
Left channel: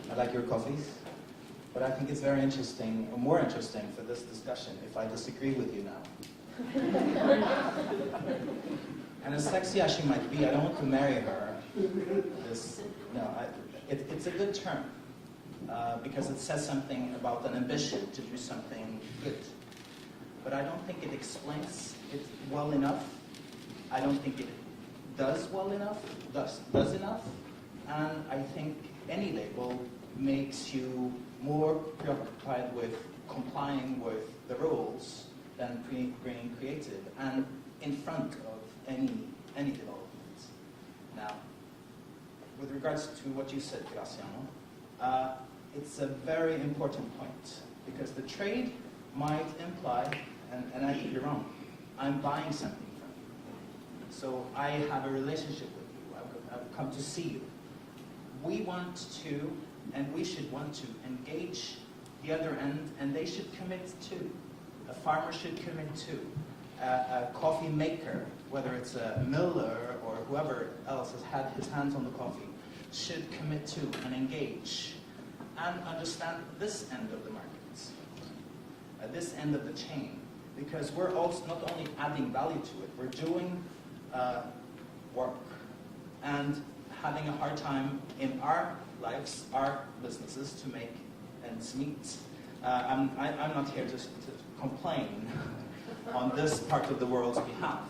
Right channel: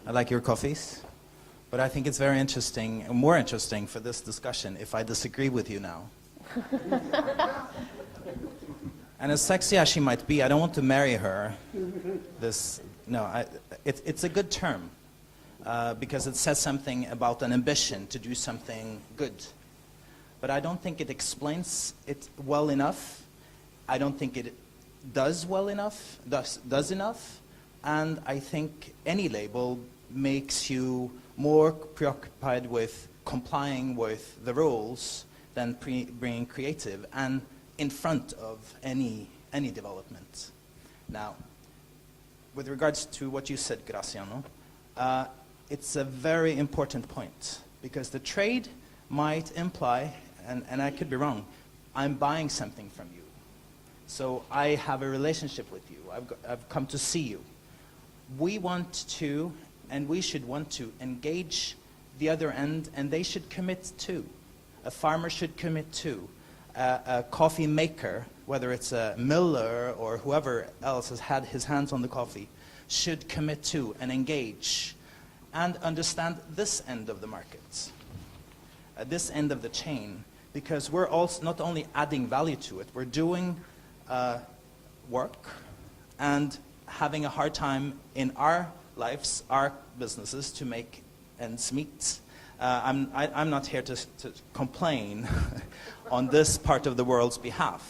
I like your coffees. But I think it's very interesting, more interesting for this discussion if I disagree with you now. And as sexy as she might be, I don't want to marry her. It's a good term because it says something about an ambition to do something good. But I don't think it explains it well enough. I don't think it does well enough, does enough. And I think any label makes you more preoccupied with complying with the rules than being creative and in front of any development. Now, with regards to what you said, Graciano, it's a very important point, because the trade might imply, and I could be wrong, I'm buying something from you. So I have a relationship with you. I've come to see you. We want to, and we should want to, engage the other end, and they should commit too. A farmer should commit too. A coffee maker, whether it's a miller or whoever else has had his hands on the coffee, should commit to and engage and understand this end of the market, this end of the chain, because we're also not only adding value to it, we're doing work and having a hard time in our lives, our businesses, to make ends meet. I'm not here to complain on this part of the world's behalf.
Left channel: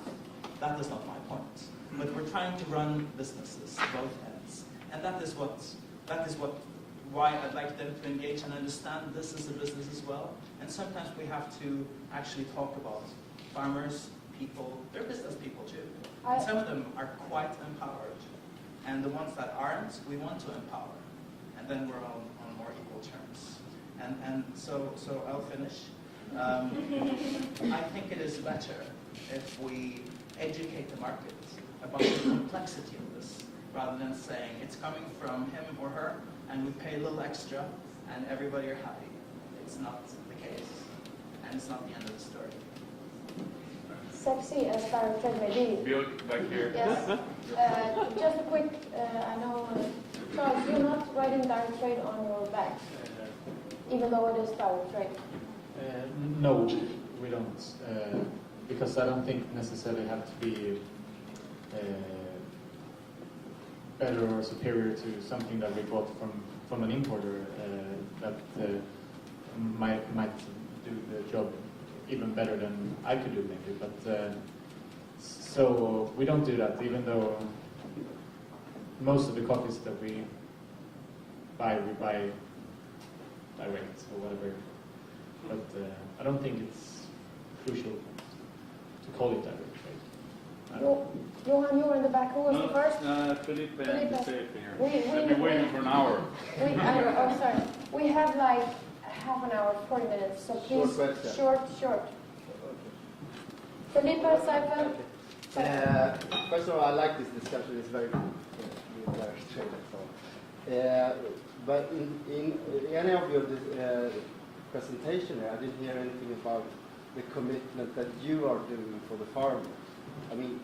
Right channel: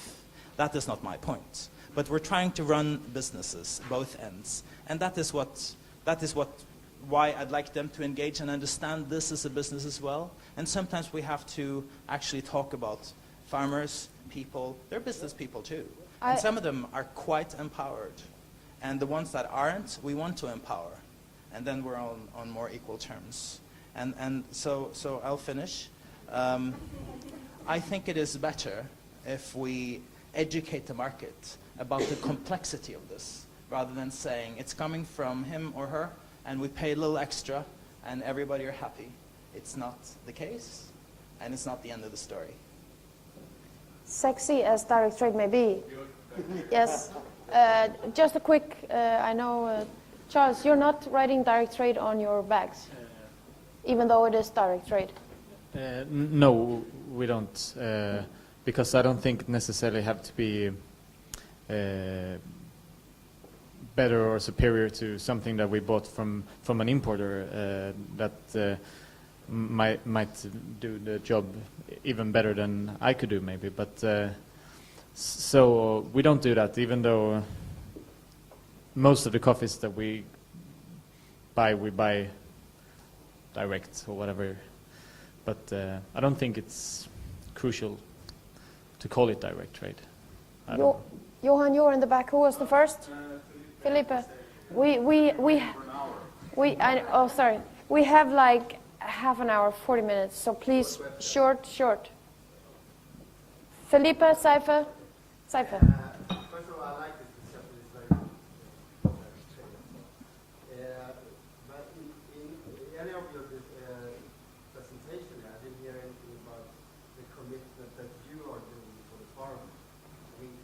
That is not my point. But we're trying to run businesses, both ends, and that is why I'd like them to engage and understand this is a business as well. And sometimes we have to actually talk about farmers, people. They're business people too, and some of them are quite empowered, and the ones that aren't, we want to empower, and then we're on more equal terms. And so I'll finish. I think it is better if we educate the market about the complexity of this, rather than saying it's coming from him or her and we pay a little extra and everybody are happy. It's not the case, and it's not the end of the story. Sexy as direct trade may be. Back here. Yes. Just a quick, I know, Charles, you're not writing direct trade on your bags, even though it is direct trade. No, we don't, because I don't think necessarily have to be better or superior to something that we bought from an importer that might do the job even better than I could do maybe. But so we don't do that, even though most of the coffees that we buy direct or whatever. But I don't think it's crucial to call it direct trade. Johan, you're in the back. Who was the first? Felipe. For an hour. Sorry. We have like half an hour, 40 minutes. So please, short. Felipe, First of all, I like this discussion. It's very good. But in any of your presentation, I didn't hear anything about the commitment that you are doing for the farmer. I mean,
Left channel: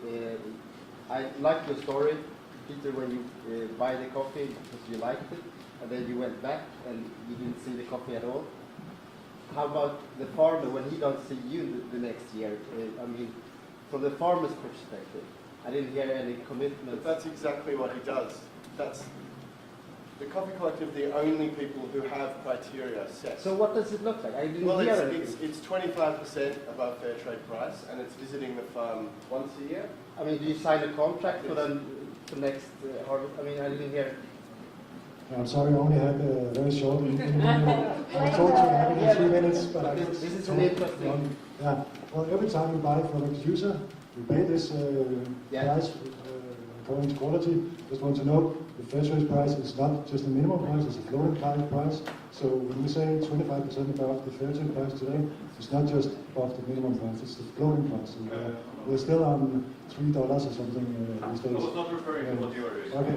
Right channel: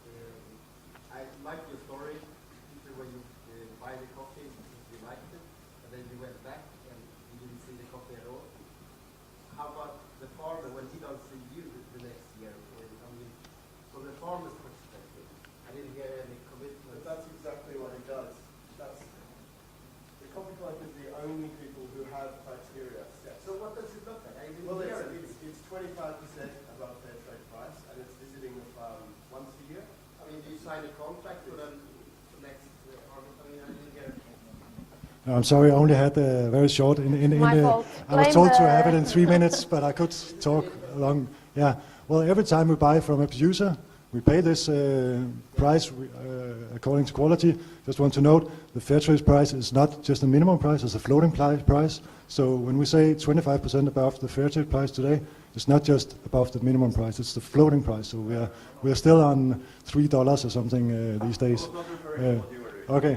I like your story, Peter, when you buy the coffee because you liked it, and then you went back and you didn't see the coffee at all. How about the farmer when he don't see you the next year? I mean, from the farmer's perspective, I didn't hear any commitment. But that's exactly what he does. That's the Coffee Collective, the only people who have criteria set. So what does it look like? I didn't hear anything. It's 25% above fair trade price, and it's visiting the farm once a year. I mean, do you sign a contract for them for next harvest? I mean, I didn't hear. No, I'm sorry, I only had very short. My fault. I was told to have it in 3 minutes, but I could talk long. Yeah. Well, every time we buy from a producer, we pay this price according to quality. Just want to note, the fair trade price is not just a minimum price; it's a floating price. So when we say 25% above the fair trade price today, it's not just above the minimum price; it's the floating price. So we're still on $3 or something these days. Okay.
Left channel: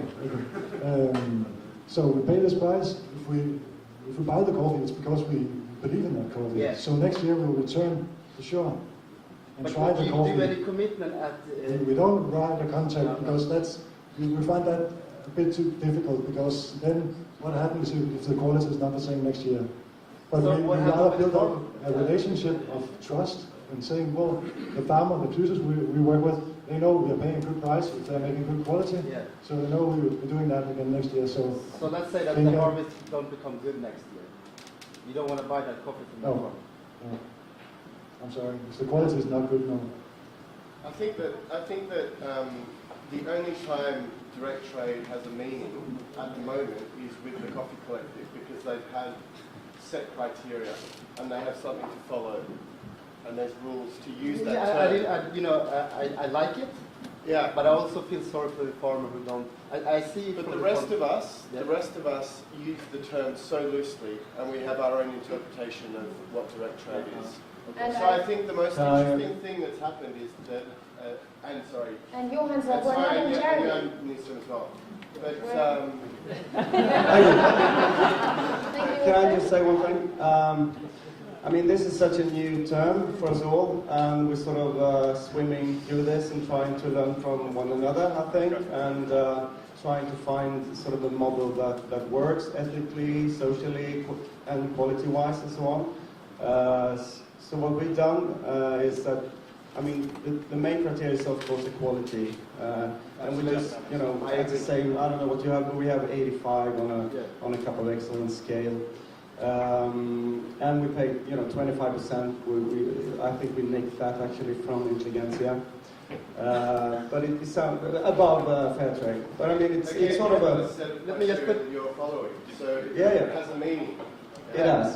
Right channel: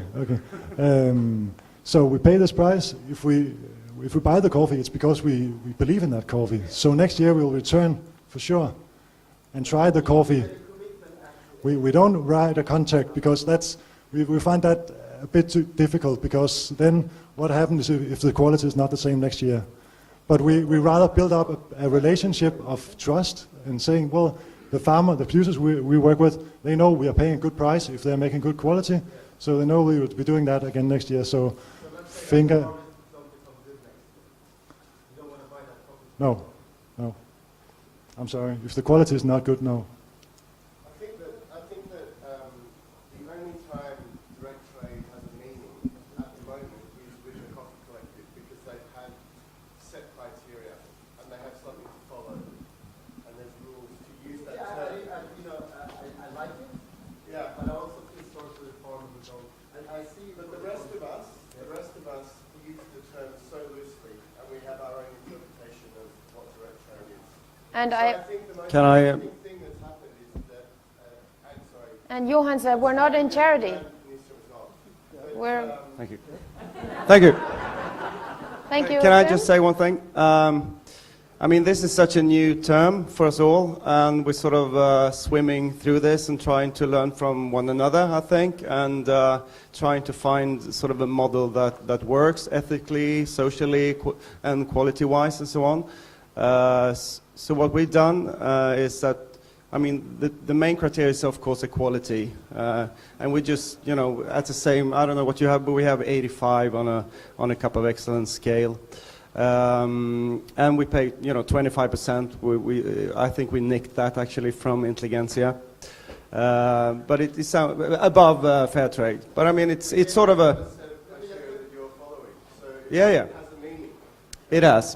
So we pay this price. If we buy the coffee, it's because we believe in that coffee. Yeah. So next year we'll return for sure and try the coffee. We don't write a contract because we find that a bit too difficult, because then what happens if the quality is not the same next year? But we rather build up a relationship of trust and saying, well, the farmer, the producers we work with, they know we are paying a good price if they're making good quality. Yeah. So they know we will be doing that again next year. So let's say that the harvest don't become good next year. You don't want to buy that coffee from the farm. No. I'm sorry. If the quality is not good, no. I think that the only time direct trade has a meaning at the moment is with the Coffee Collective, because they've had set criteria and they have something to follow, and there's rules to use that term. I like it. Yeah, but I also feel sorry for the farmer who don't. I see. But the rest of us use the term so loosely, and we have our own interpretation of what direct trade is. And so I think the most interesting thing that's happened is that. And Johan said, we're not in charity. Nyström as well. But, Thank you. Thank you. Thank you. Can I just say one thing? I mean, this is such a new term for us all, and we're sort of swimming through this and trying to learn from one another, I think, and trying to find sort of a model that works ethically, socially, and quality-wise, and so on. So what we've done is that, I mean, the main criteria is, of course, equality. And we just, at the same, I don't know what you have, but we have 85 on a Cup of Excellence scale. And we pay, 25%. I think we nicked that actually from Intelligentsia. But it is above fair trade. But I mean, it's sort of a... Let me just put your following. So yeah. It has a meaning. It has.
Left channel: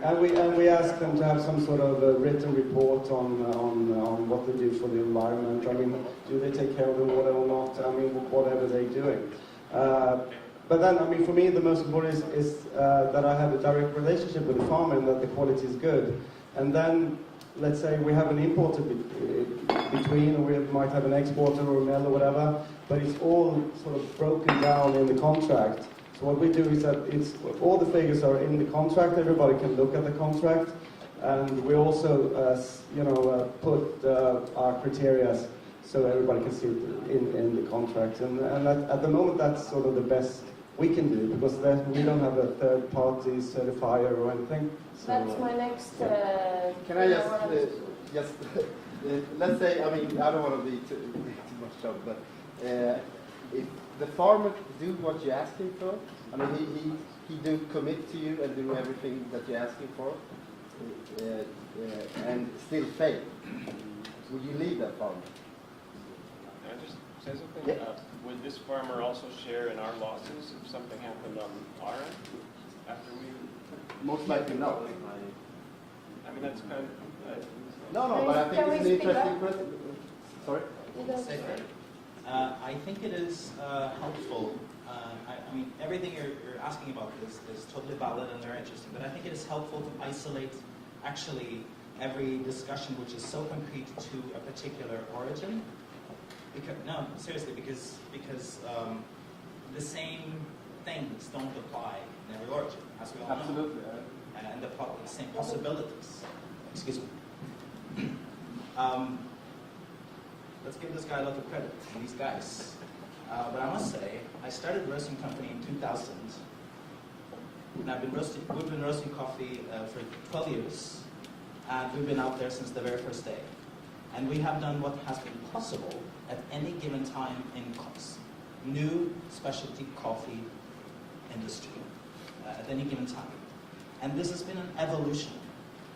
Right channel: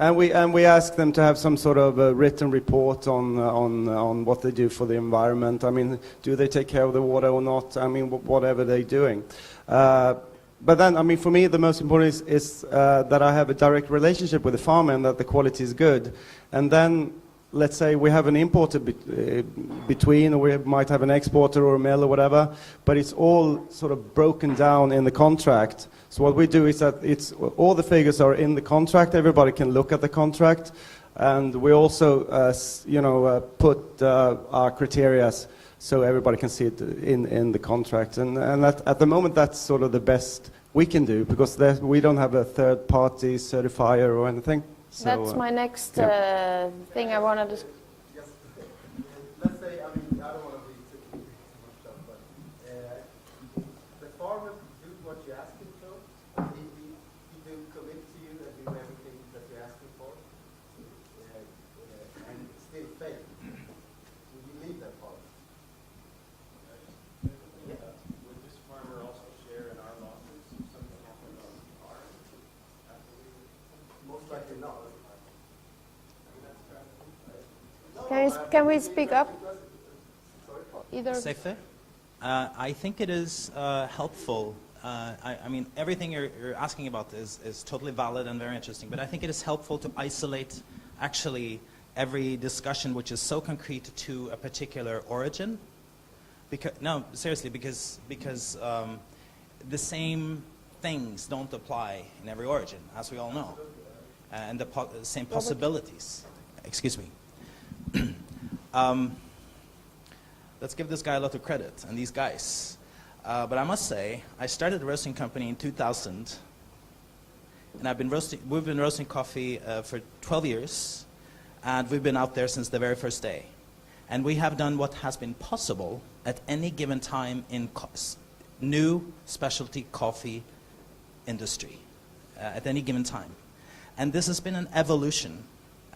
And we ask them to have some sort of written report on what they do for the environment. I mean, do they take care of the water or not? I mean, whatever they're doing. But then, I mean, for me, the most important is that I have a direct relationship with the farmer and that the quality is good. And then, let's say we have an importer between, or we might have an exporter or a mill or whatever, but it's all sort of broken down in the contract. So what we do is that all the figures are in the contract. Everybody can look at the contract, and we also, put our criteria so everybody can see it in the contract. And at the moment, that's sort of the best we can do, because we don't have a third-party certifier or anything. So, that's my next thing I wanted to... Just let's say, I mean, I don't want to be too much trouble, but if the farmer do what you ask him for, I mean, he do commit to you and do everything that you're asking for, and still fail, would you leave that farmer? Can I just say something? Yeah. Would this farmer also share in our losses if something happened on our end after we? Most likely no. I mean, that's kind of. No. Can we speak up? Sorry. Either. I think it is helpful. I mean, everything you're asking about is totally valid and very interesting, but I think it is helpful to isolate actually every discussion which is so concrete to a particular origin. No, seriously, because the same things don't apply in every origin, as we all know. Absolutely. And the same possibilities. Excuse me. Let's give this guy a lot of credit, and these guys. But I must say, I started a roasting company in 2000, and we've been roasting coffee for 12 years, and we've been out there since the very first day. And we have done what has been possible at any given time in new specialty coffee industry at any given time. And this has been an evolution.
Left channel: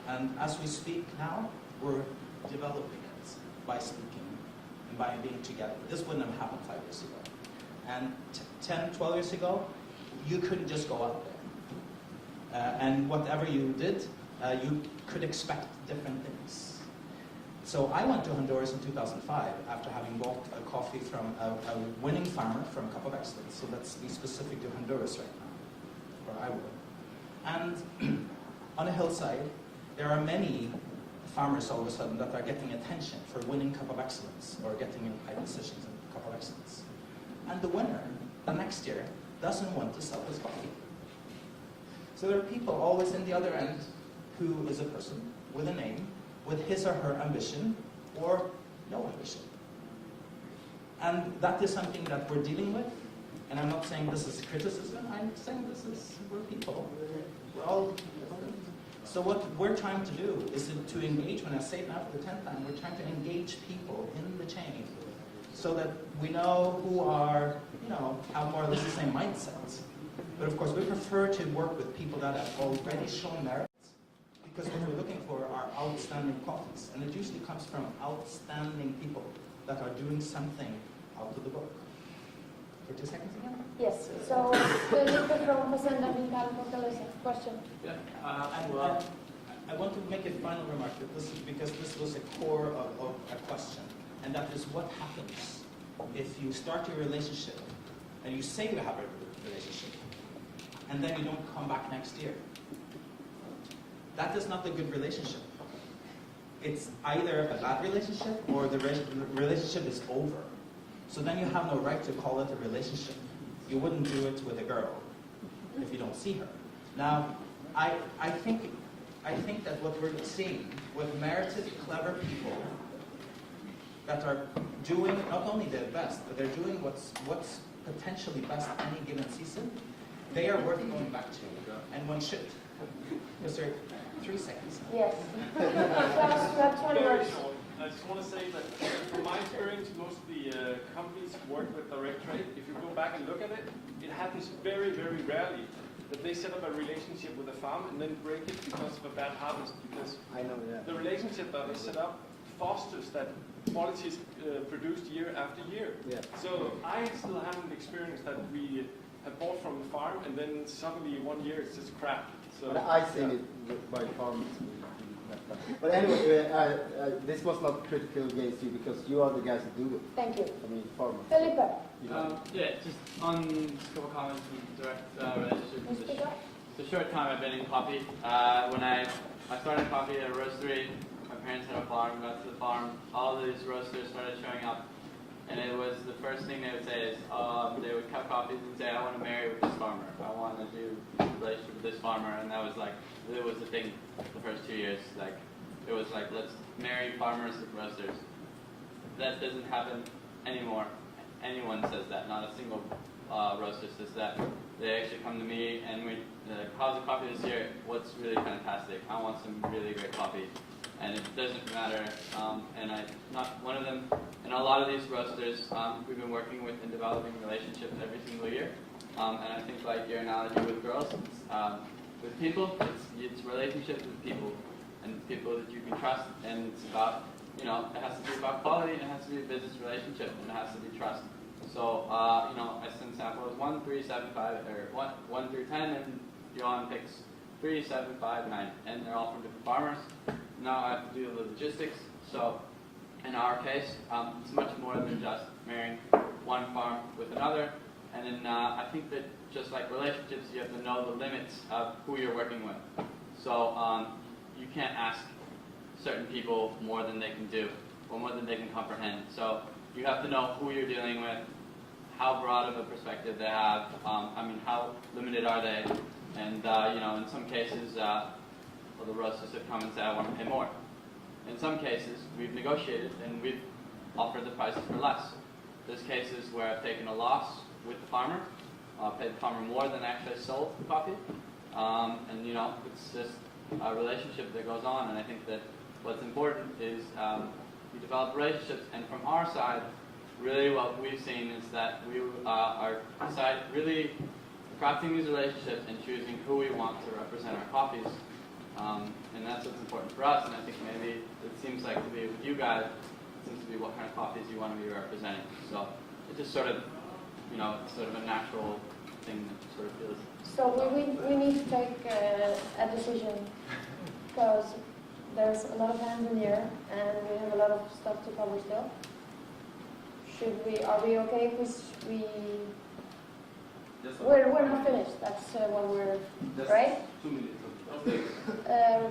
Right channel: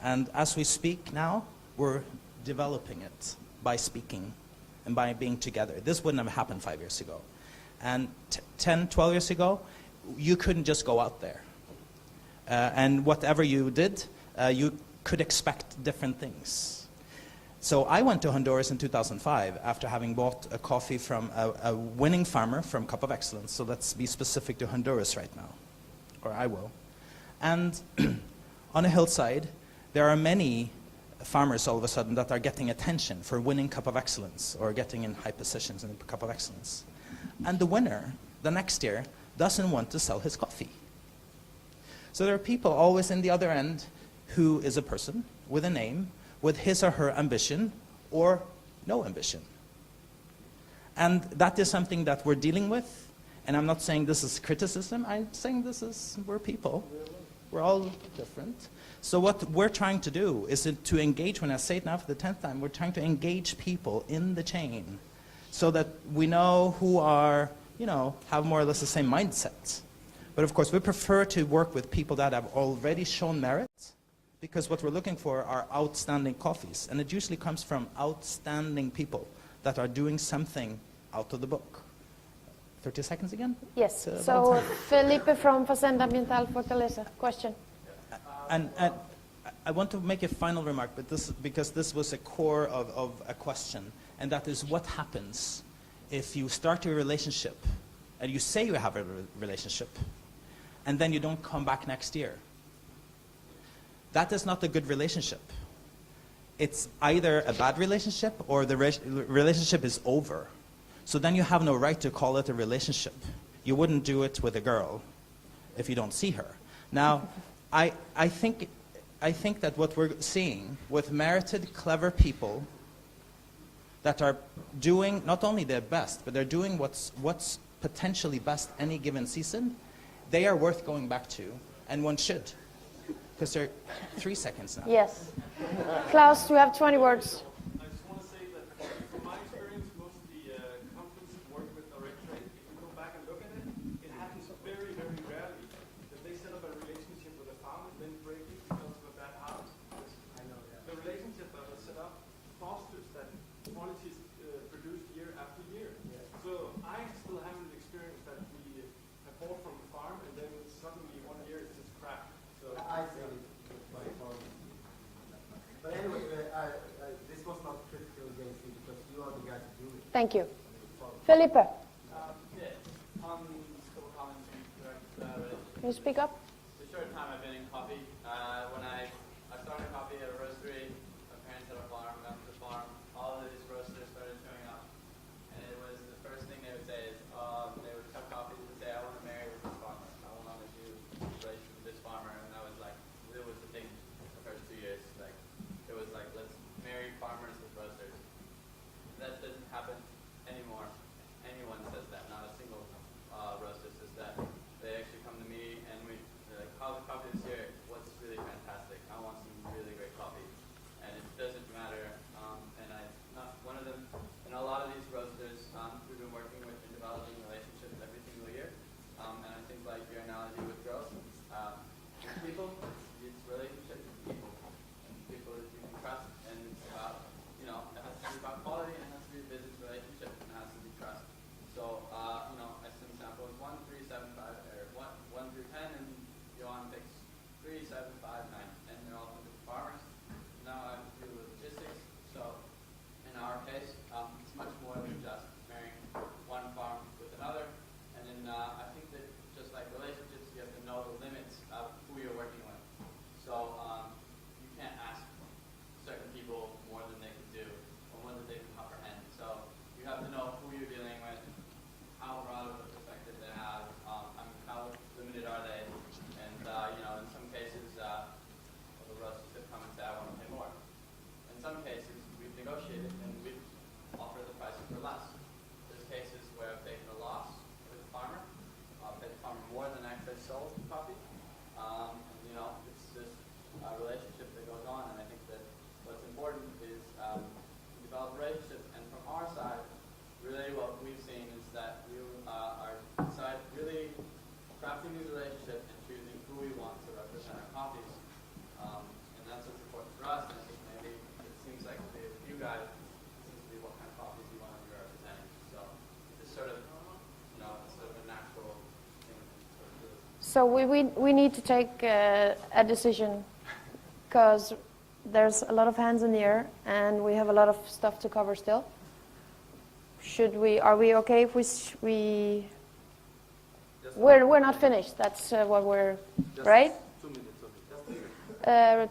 And as we speak now, we're developing it by speaking and by being together. This wouldn't have happened 5 years ago. And 10, 12 years ago, you couldn't just go out there. And whatever you did, you could expect different things. So I went to Honduras in 2005 after having bought a coffee from a winning farmer from Cup of Excellence. So let's be specific to Honduras right now, or I will. And on a hillside, there are many farmers all of a sudden that are getting attention for winning Cup of Excellence or getting in high positions in Cup of Excellence. And the winner, the next year, doesn't want to sell his coffee. So there are people always in the other end who is a person with a name, with his or her ambition or no ambition. And that is something that we're dealing with. And I'm not saying this is criticism, I'm saying we're people. We're all different. So what we're trying to do is to engage, when I say it now for the 10th time, we're trying to engage people in the chain so that we know who are, have more or less the same mindset. But of course, we prefer to work with people that have already shown merit, because what we're looking for are outstanding coffees. And it usually comes from outstanding people that are doing something out of the book. 30 seconds again? Yes. So Felipe from Fazenda Ambiental Fortaleza, question. Yeah. And I want to make a final remark, but because this was a core of a question, and that is what happens if you start your relationship, and you say you have a relationship, and then you don't come back next year. That is not a good relationship. It's either a bad relationship or the relationship is over. So then you have no right to call it a relationship. You wouldn't do it with a girl if you don't see her. Now, I think that what we're seeing with merited, clever people that are doing not only their best, but they're doing what's potentially best any given season, they are worth going back to, and one should. Because there are 3 seconds now. Yes. Klaus, we have 20 words. I just want to say that from my experience, most of the companies who work with direct trade, if you go back and look at it, it happens very, very rarely that they set up a relationship with a farm and then break it because of a bad harvest. Because the relationship that is set up fosters that quality is produced year after year. Yeah. So I still haven't experienced that we have bought from the farm and then suddenly 1 year it's just crap. So, I think it by farmers. But anyway, this was not critical against you because you are the guys who do it. Thank you. I mean, farmers. Felipe. Yeah, just on just a couple comments from direct relationship. Can you speak up? It's a short time I've been in coffee. When I started coffee at a roastery, my parents had a farm, got to the farm, all these roasters started showing up. And it was the first thing they would say is, they would cut coffees and say, I want to marry with this farmer. I want to do a relationship with this farmer. And that was like, it was the thing the first 2 years. Like, it was like, let's marry farmers with roasters. That doesn't happen anymore. Anyone says that. Not a single roaster says that. They actually come to me and we, how's the coffee this year? What's really fantastic? I want some really great coffee. And it doesn't matter, and not one of them, and a lot of these roasters we've been working with and developing relationships every single year. And I think like your analogy with girls, with people, it's relationships with people, and people that you can trust, and it's about, it has to be about quality, and it has to be a business relationship, and it has to be trust. So, as an example is 1, 3, 7, 5, or 1 through 10, and Johan picks 3, 7, 5, 9, and they're all from different farmers. Now I have to do the logistics. So in our case, it's much more than just marrying one farm with another. And then I think that just like relationships, you have to know the limits of who you're working with. So you can't ask certain people more than they can do or more than they can comprehend. So you have to know who you're dealing with, how broad of a perspective they have. I mean, how limited are they? And you know, in some cases, well, the roasters have come and said, I want to pay more. In some cases, we've negotiated and we've offered the prices for less. There's cases where I've taken a loss with the farmer, paid the farmer more than actually sold the coffee. And you know, it's just a relationship that goes on. And I think that what's important is we develop relationships. And from our side, really what we've seen is that we are really crafting these relationships and choosing who we want to represent our coffees. And that's what's important for us. And I think maybe it seems like to be with you guys, it seems to be what kind of coffees you want to be representing. So it's just sort of, you know, it's sort of a natural thing that sort of feels. So we need to take a decision, because there's a lot of hands in the air and we have a lot of stuff to cover still. Are we okay if we're not finished? That's what we're, right? 2 minutes.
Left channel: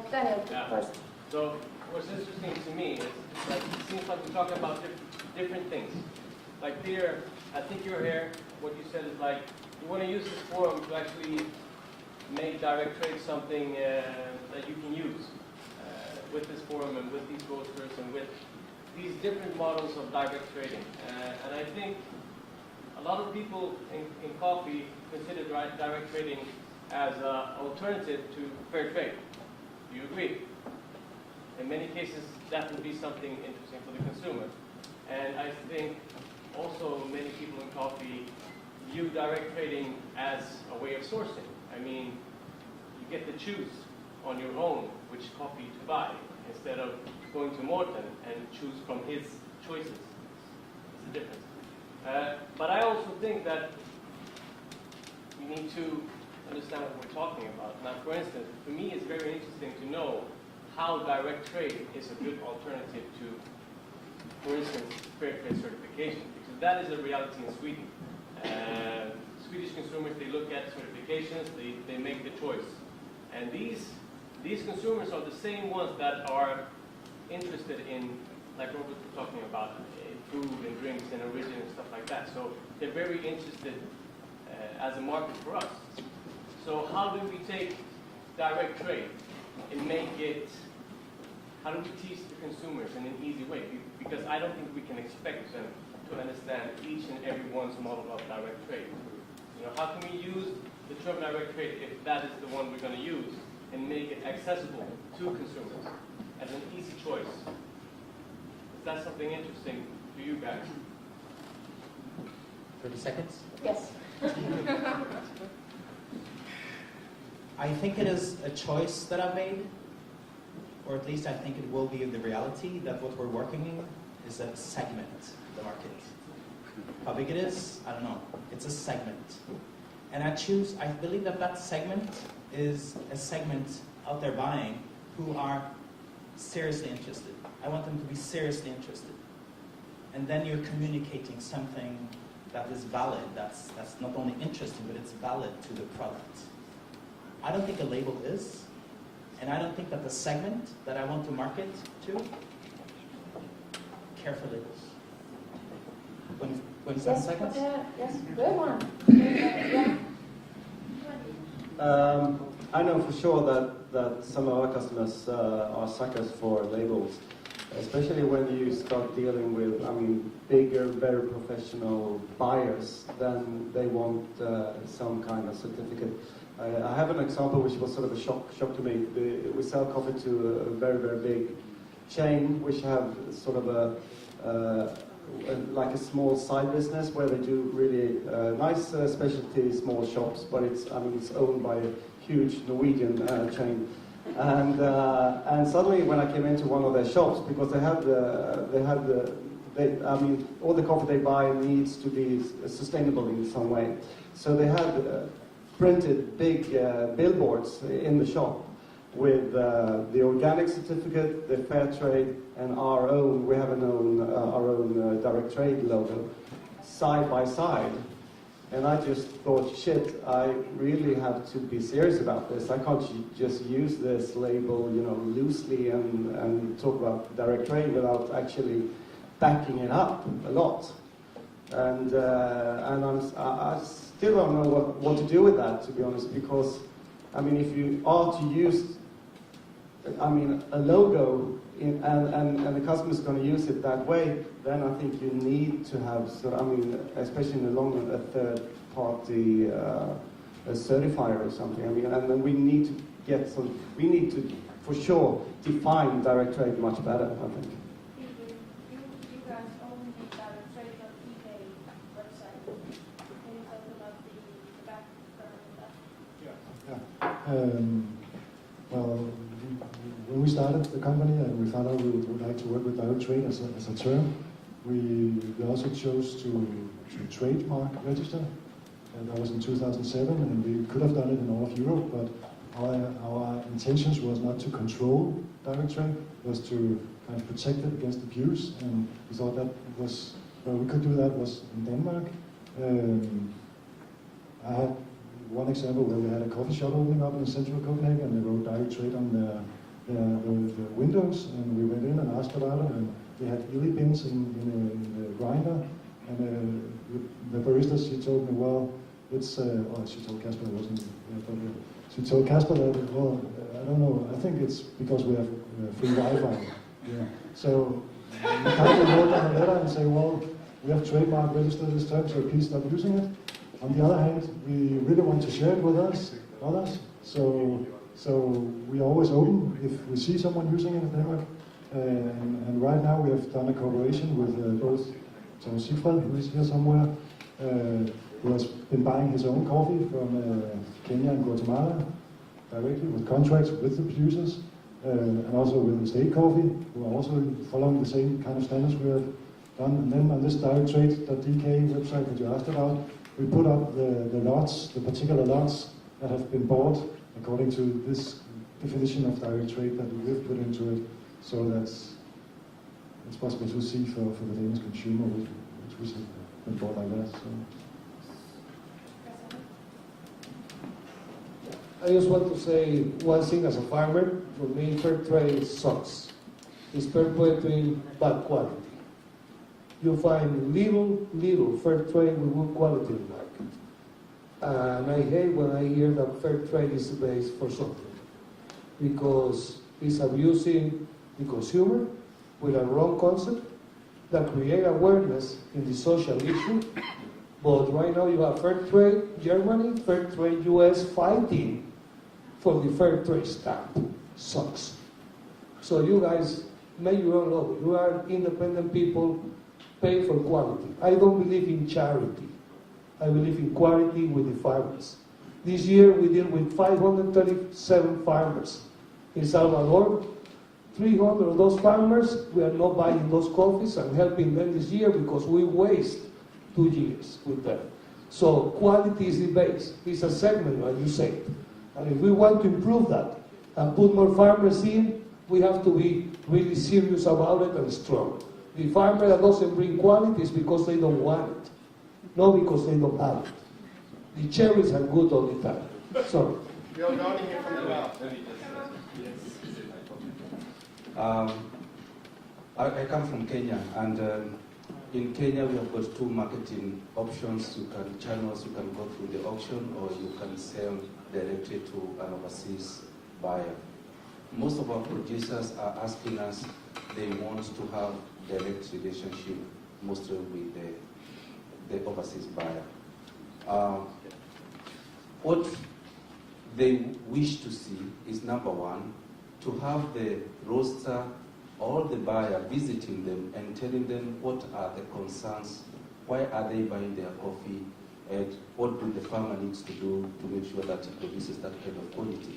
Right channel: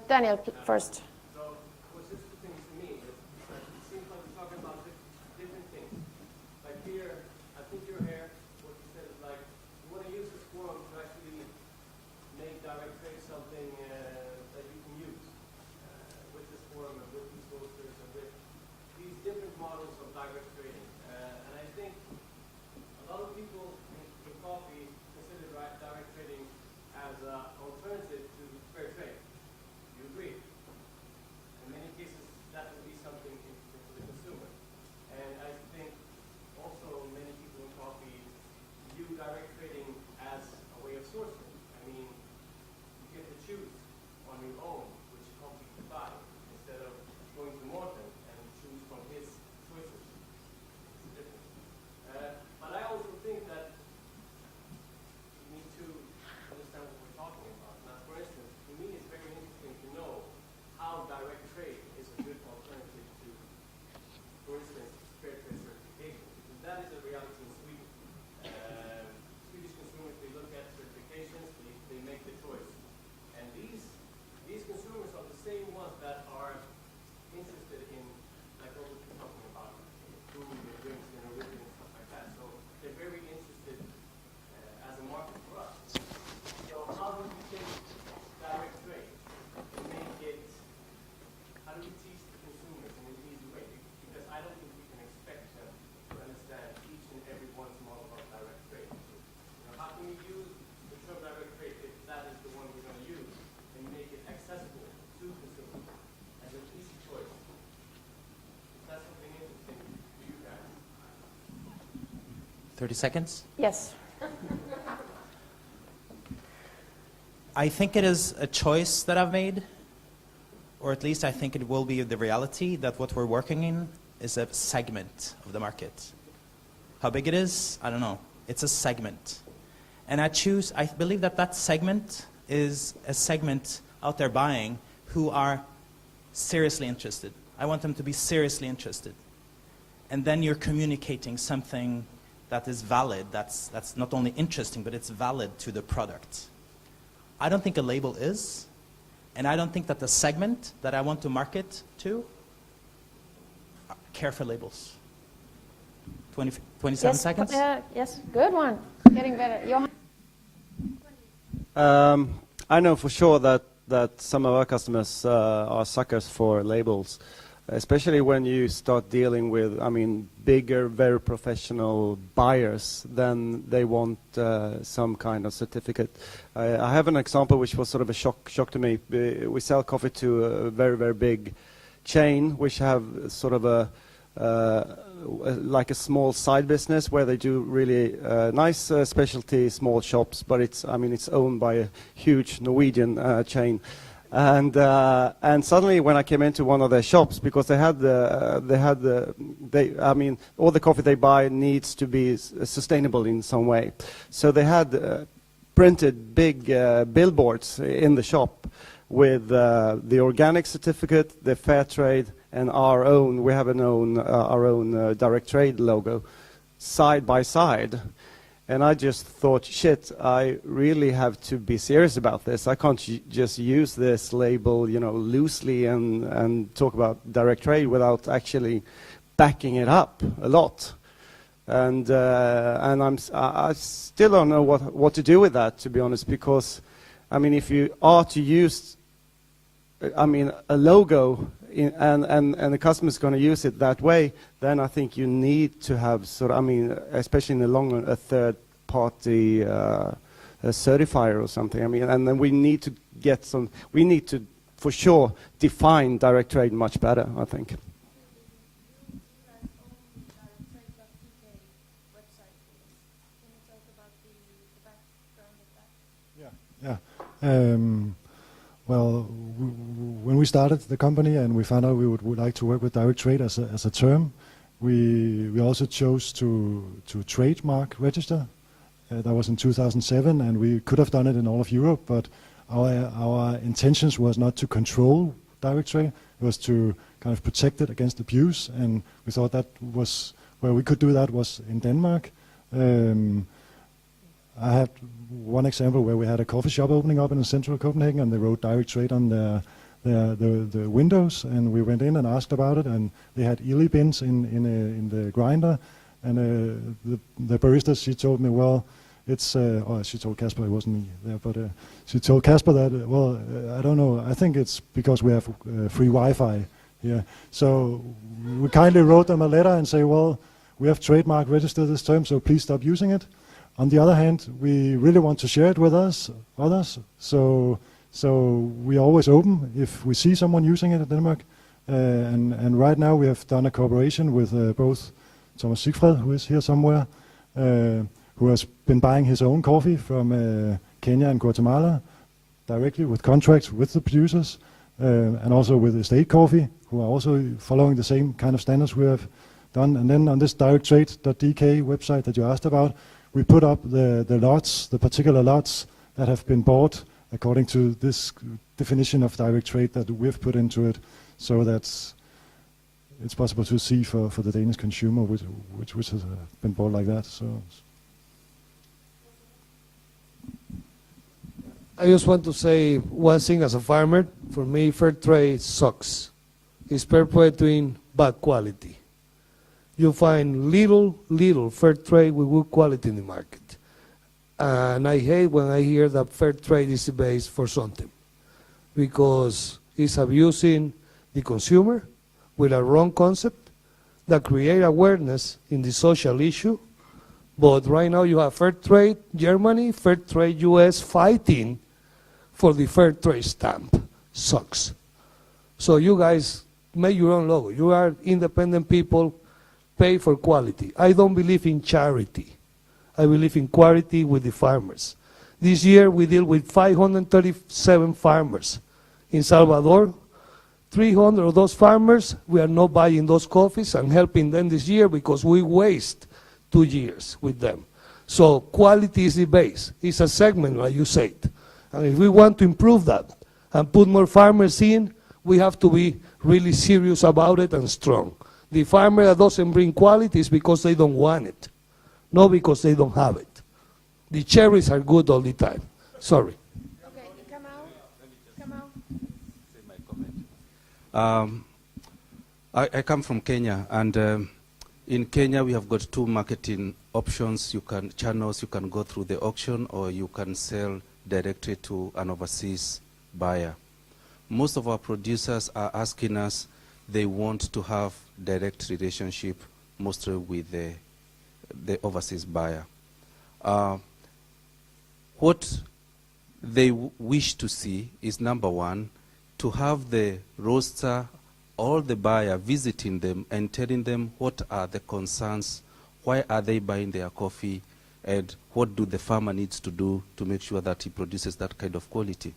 Daniel, first. So what's interesting to me is like it seems like we're talking about different things. Like Peter, I think you're here. What you said is like you want to use this forum to actually make direct trade something that you can use with this forum and with these roasters and with these different models of direct trading. And I think a lot of people in coffee consider direct trading as an alternative to fair trade. Do you agree? In many cases, that would be something interesting for the consumer. And I think also many people in coffee view direct trading as a way of sourcing. I mean, you get to choose on your own which coffee to buy instead of going to Morten and choose from his choices. It's a difference. But I also think that we need to understand what we're talking about. Now, for instance, for me it's very interesting to know how direct trade is a good alternative to, for instance, fair trade certification, because that is a reality in Sweden. Swedish consumers, they look at certifications, they make the choice. And these consumers are the same ones that are interested in, like Robert was talking about, food and drinks and origin and stuff like that. So they're very interested as a market for us. So how do we take direct trade and make it, how do we teach the consumers in an easy way? Because I don't think we can expect them to understand each and every one's model of direct trade. You know, how can we use the term direct trade if that is the one we're going to use and make it accessible to consumers as an easy choice? Is that something interesting to you guys? 30 seconds? Yes. I think it is a choice that I've made, or at least I think it will be the reality that what we're working in is a segment of the market. How big it is, I don't know. It's a segment. And I believe that segment is a segment out there buying who are seriously interested. I want them to be seriously interested. And then you're communicating something that is valid, that's not only interesting, but it's valid to the product. I don't think a label is, and I don't think that the segment that I want to market to care for labels. 27 seconds? Yes, good one. Getting better. Johan? I know for sure that some of our customers are suckers for labels, especially when you start dealing with, bigger, very professional buyers. Then they want some kind of certificate. I have an example which was sort of a shock to me. We sell coffee to a very, very big chain, which have sort of like a small side business where they do really nice specialty small shops, but it's owned by a huge Norwegian chain. And suddenly when I came into one of their shops, because all the coffee they buy needs to be sustainable in some way. So they had printed big billboards in the shop with the organic certificate, the fair trade, and our own direct trade logo side by side. And I just thought, shit, I really have to be serious about this. I can't just use this label, loosely and talk about direct trade without actually backing it up a lot. And I still don't know what to do with that, to be honest, because, I mean, if you are to use, I mean, a logo and the customer is going to use it that way, then I think you need to have sort of, I mean, especially in the long run, a third-party certifier or something. I mean, and then we need to get some, we need to, for sure, define direct trade much better, I think. You guys own the directtrade.dk website. Can you tell us about the background of that? Yeah. Well, when we started the company and we found out we would like to work with direct trade as a term, we also chose to trademark register. That was in 2007, and we could have done it in all of Europe, but our intentions was not to control direct trade, it was to kind of protect it against abuse, and we thought that was where we could do that was in Denmark. I had one example where we had a coffee shop opening up in the central of Copenhagen, and they wrote direct trade on the windows, and we went in and asked about it, and they had Ely bins in the grinder, and the barista, she told me, well, it's, she told Kasper, it wasn't there, but she told Kasper that, well, I don't know, I think it's because we have free Wi-Fi. Yeah. So we kindly wrote them a letter and say, well, we have trademark registered this term, so please stop using it. On the other hand, we really want to share it with others, so we are always open if we see someone using it in Denmark. And right now we have done a cooperation with both Thomas Sigfred, who is here somewhere, who has been buying his own coffee from Kenya and Guatemala directly with contracts with the producers, and also with Estate Coffee, who are also following the same kind of standards we have done. And then on this directtrade.dk website that you asked about, we put up the lots, the particular lots that have been bought according to this definition of direct trade that we've put into it, so that it's possible to see for the Danish consumer which has been bought like that. So. I just want to say one thing as a farmer. For me, fair trade sucks. It's perpetuating bad quality. You find little fair trade with good quality in the market. And I hate when I hear that fair trade is based for something, because it's abusing the consumer with a wrong concept that create awareness in the social issue. But right now you have fair trade Germany, fair trade US fighting for the fair trade stamp. Sucks. So you guys make your own logo. You are independent people, pay for quality. I don't believe in charity. I believe in quality with the farmers. This year we deal with 537 farmers in Salvador. 300 of those farmers, we are not buying those coffees and helping them this year because we waste 2 years with them. So quality is the base. It's a segment, like you said. And if we want to improve that and put more farmers in, we have to be really serious about it and strong. The farmer that doesn't bring quality is because they don't want it, not because they don't have it. The cherries are good all the time. Sorry. I come from Kenya, and in Kenya we have got 2 marketing options. Channels, you can go through the auction, or you can sell directly to an overseas buyer. Most of our producers are asking us, they want to have direct relationship, mostly with the overseas buyer. What they wish to see is, number one, to have the roaster or the buyer visiting them and telling them what are the concerns, why are they buying their coffee, and what do the farmer needs to do to make sure that he produces that kind of quality.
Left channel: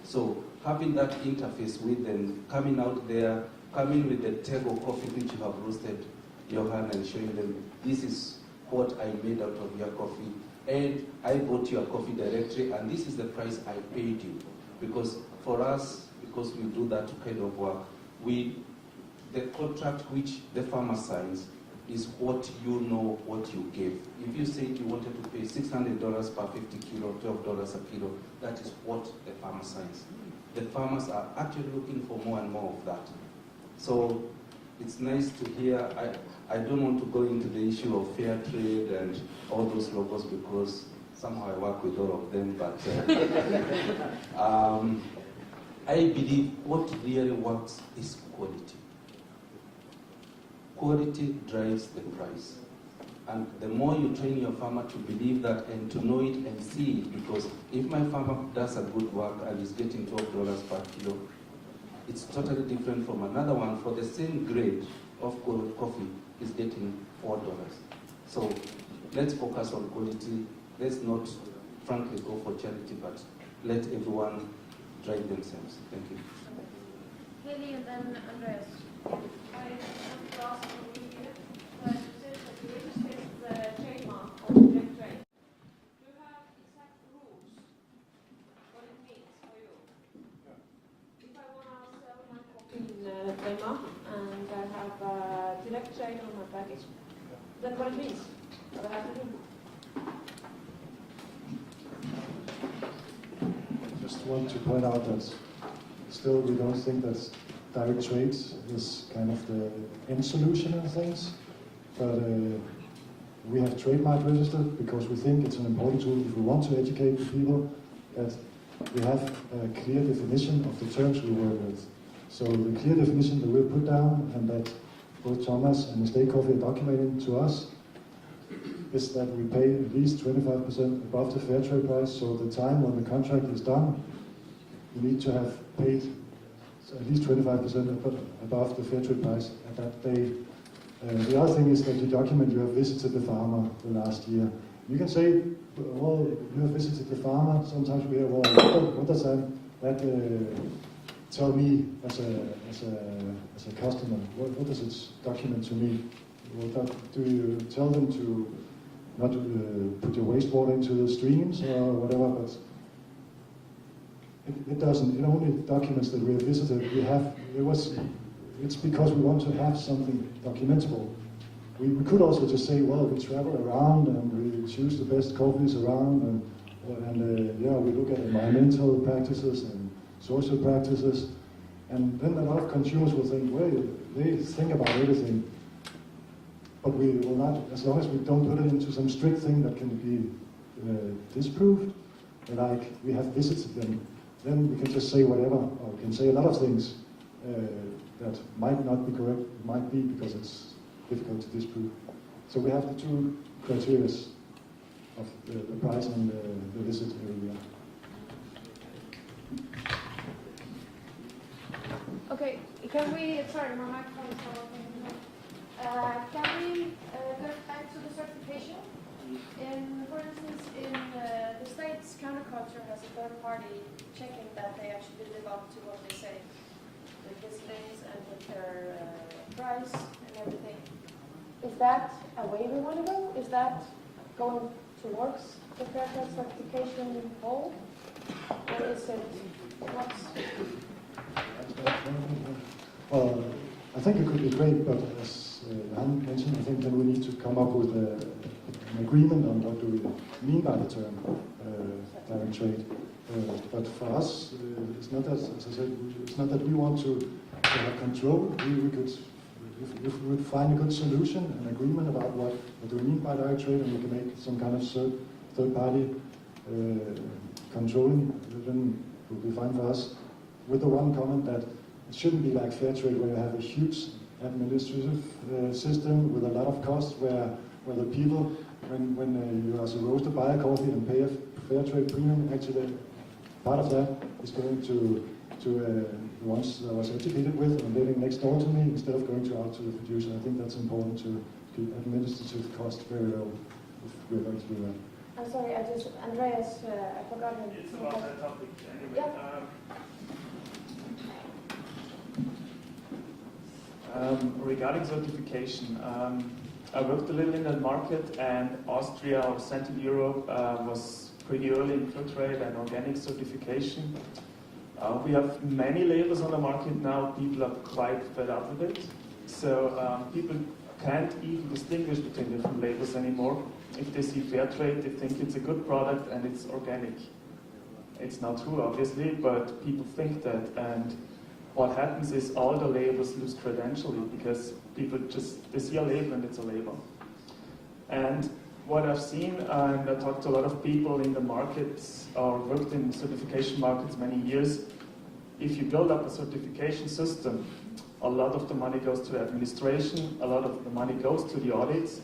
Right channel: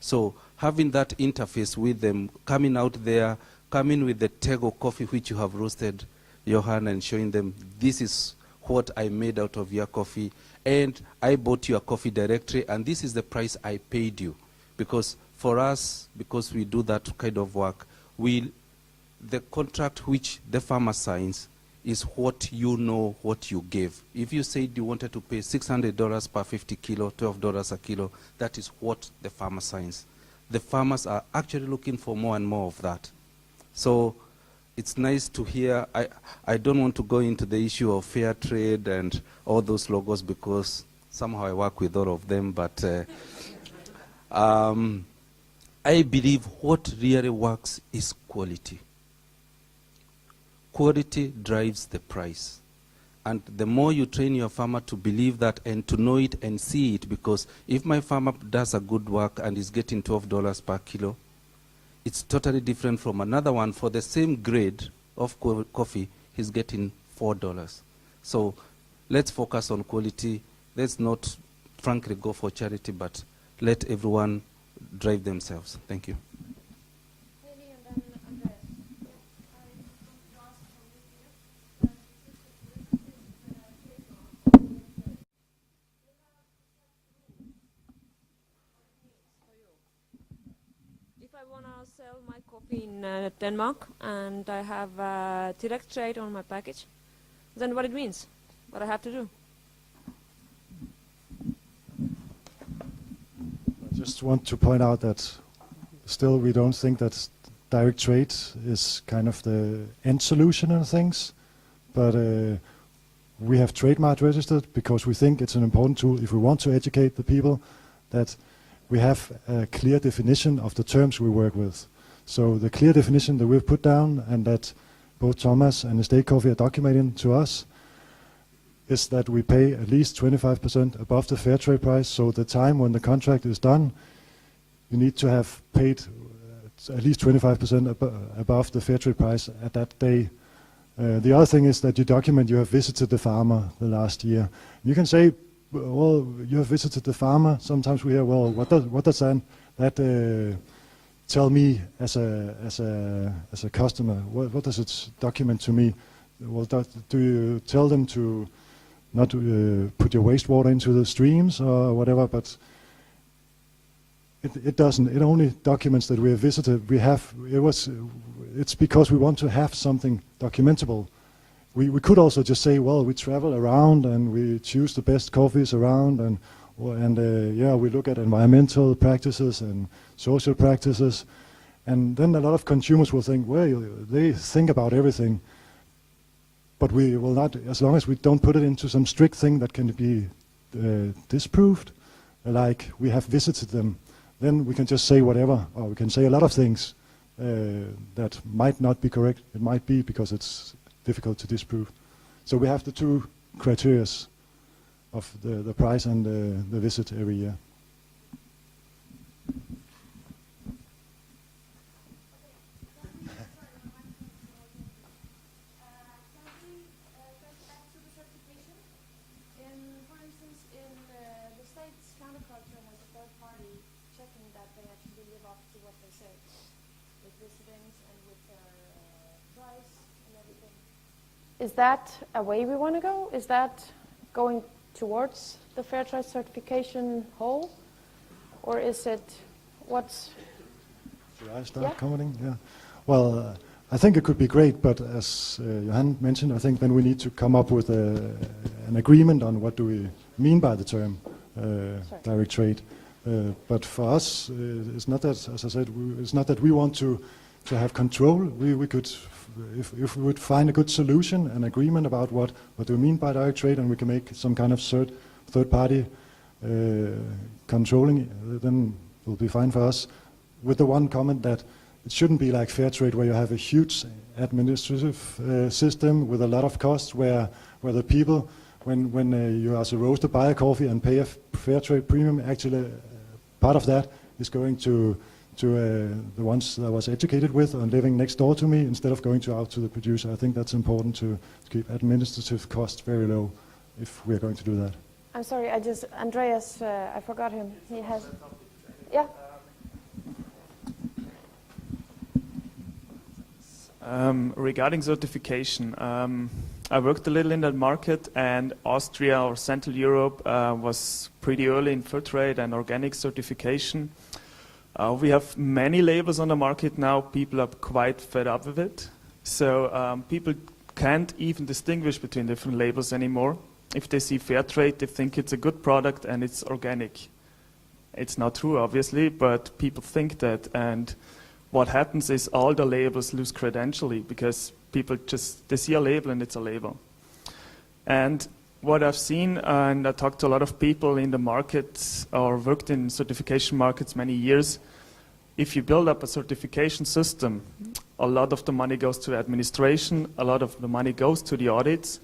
So having that interface with them, coming out there, coming with the Tego coffee which you have roasted, Johan, and showing them, this is what I made out of your coffee, and I bought your coffee directly, and this is the price I paid you. Because for us, because we do that kind of work, the contract which the farmer signs is what you know what you gave. If you said you wanted to pay $600 per 50 kilo, $12 a kilo, that is what the farmer signs. The farmers are actually looking for more and more of that. So it's nice to hear. I don't want to go into the issue of fair trade and all those logos because somehow I work with all of them, but I believe what really works is quality. Quality drives the price. And the more you train your farmer to believe that and to know it and see it, because if my farmer does a good work and is getting $12 per kilo, it's totally different from another one for the same grade of coffee, he's getting $4. So let's focus on quality. Let's not frankly go for charity, but let everyone drive themselves. Thank you. Haley and then Andreas. In Denmark, and I have direct trade on my package, then what it means, what I have to do. I just want to point out that still we don't think that direct trade is kind of the end solution on things, but we have trademark registered because we think it's an important tool if we want to educate the people that we have a clear definition of the terms we work with. So the clear definition that we've put down and that both Thomas and Estate Coffee are documenting to us is that we pay at least 25% above the fair trade price. So the time when the contract is done, you need to have paid at least 25% above the fair trade price at that day. The other thing is that you document you have visited the farmer the last year. You can say, well, you have visited the farmer. Sometimes we hear, well, what does that tell me as a customer? What does it document to me? Well, do you tell them to not put your wastewater into the streams or whatever? But it doesn't. It only documents that we have visited. It's because we want to have something documentable. We could also just say, well, we travel around and we choose the best coffees around, and we look at environmental practices and social practices, and then a lot of consumers will think, well, they think about everything, but we will not, as long as we don't put it into some strict thing that can be disproved, like we have visited them, then we can just say whatever, or we can say a lot of things that might not be correct. It might be because it's difficult to disprove. So we have the two criteria of the price and the visit every year. Okay, can we, sorry, my microphone is not working. Can we go back to the certification? For instance, in the States, counterculture has a third party checking that they actually live up to what they say, with listings and with their price and everything. Is that a way we want to go? Is that going towards the fair trade certification goal? Or is it, what's... Yeah. Well, I think it could be great, but as Johan mentioned, I think then we need to come up with an agreement on what do we mean by the term direct trade. But for us, it's not that, as I said, it's not that we want to have control. We could, if we would find a good solution, an agreement about what do we mean by direct trade, and we can make some kind of third party controlling, then it will be fine for us. With the one comment that it shouldn't be like fair trade where you have a huge administrative system with a lot of costs where the people, when you as a roaster buy a coffee and pay a fair trade premium, actually part of that is going to the ones that I was educated with and living next door to me instead of going out to the producer. I think that's important to keep administrative costs very low if we're going to do that. I'm sorry, Andreas, I forgot him. He has, yeah. Regarding certification, I worked a little in that market, and Austria or Central Europe was pretty early in fair trade and organic certification. We have many labels on the market now. People are quite fed up with it. So people can't even distinguish between different labels anymore. If they see fair trade, they think it's a good product and it's organic. It's not true, obviously, but people think that. And what happens is all the labels lose credentially because people they see a label and it's a label. And what I've seen, and I talked to a lot of people in the markets or worked in certification markets many years, if you build up a certification system, a lot of the money goes to administration, a lot of the money goes to the audits,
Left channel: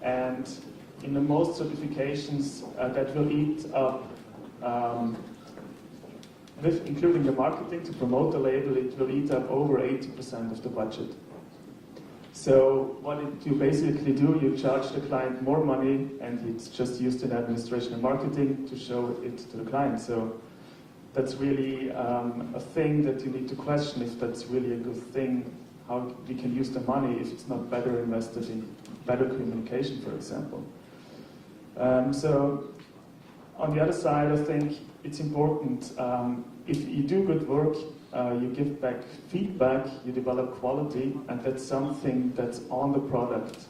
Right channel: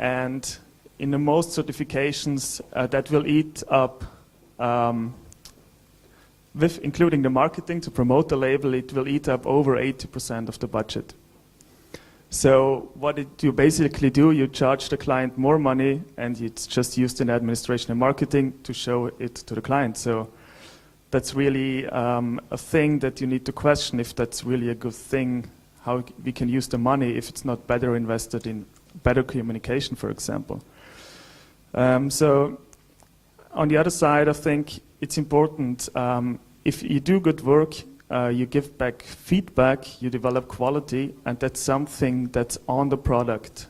and in the most certifications that will eat up, with including the marketing to promote the label, it will eat up over 80% of the budget. So what you basically do, you charge the client more money and it's just used in administration and marketing to show it to the client. So that's really a thing that you need to question if that's really a good thing, how we can use the money if it's not better invested in better communication, for example. So on the other side, I think it's important, if you do good work, you give back feedback, you develop quality, and that's something that's on the product.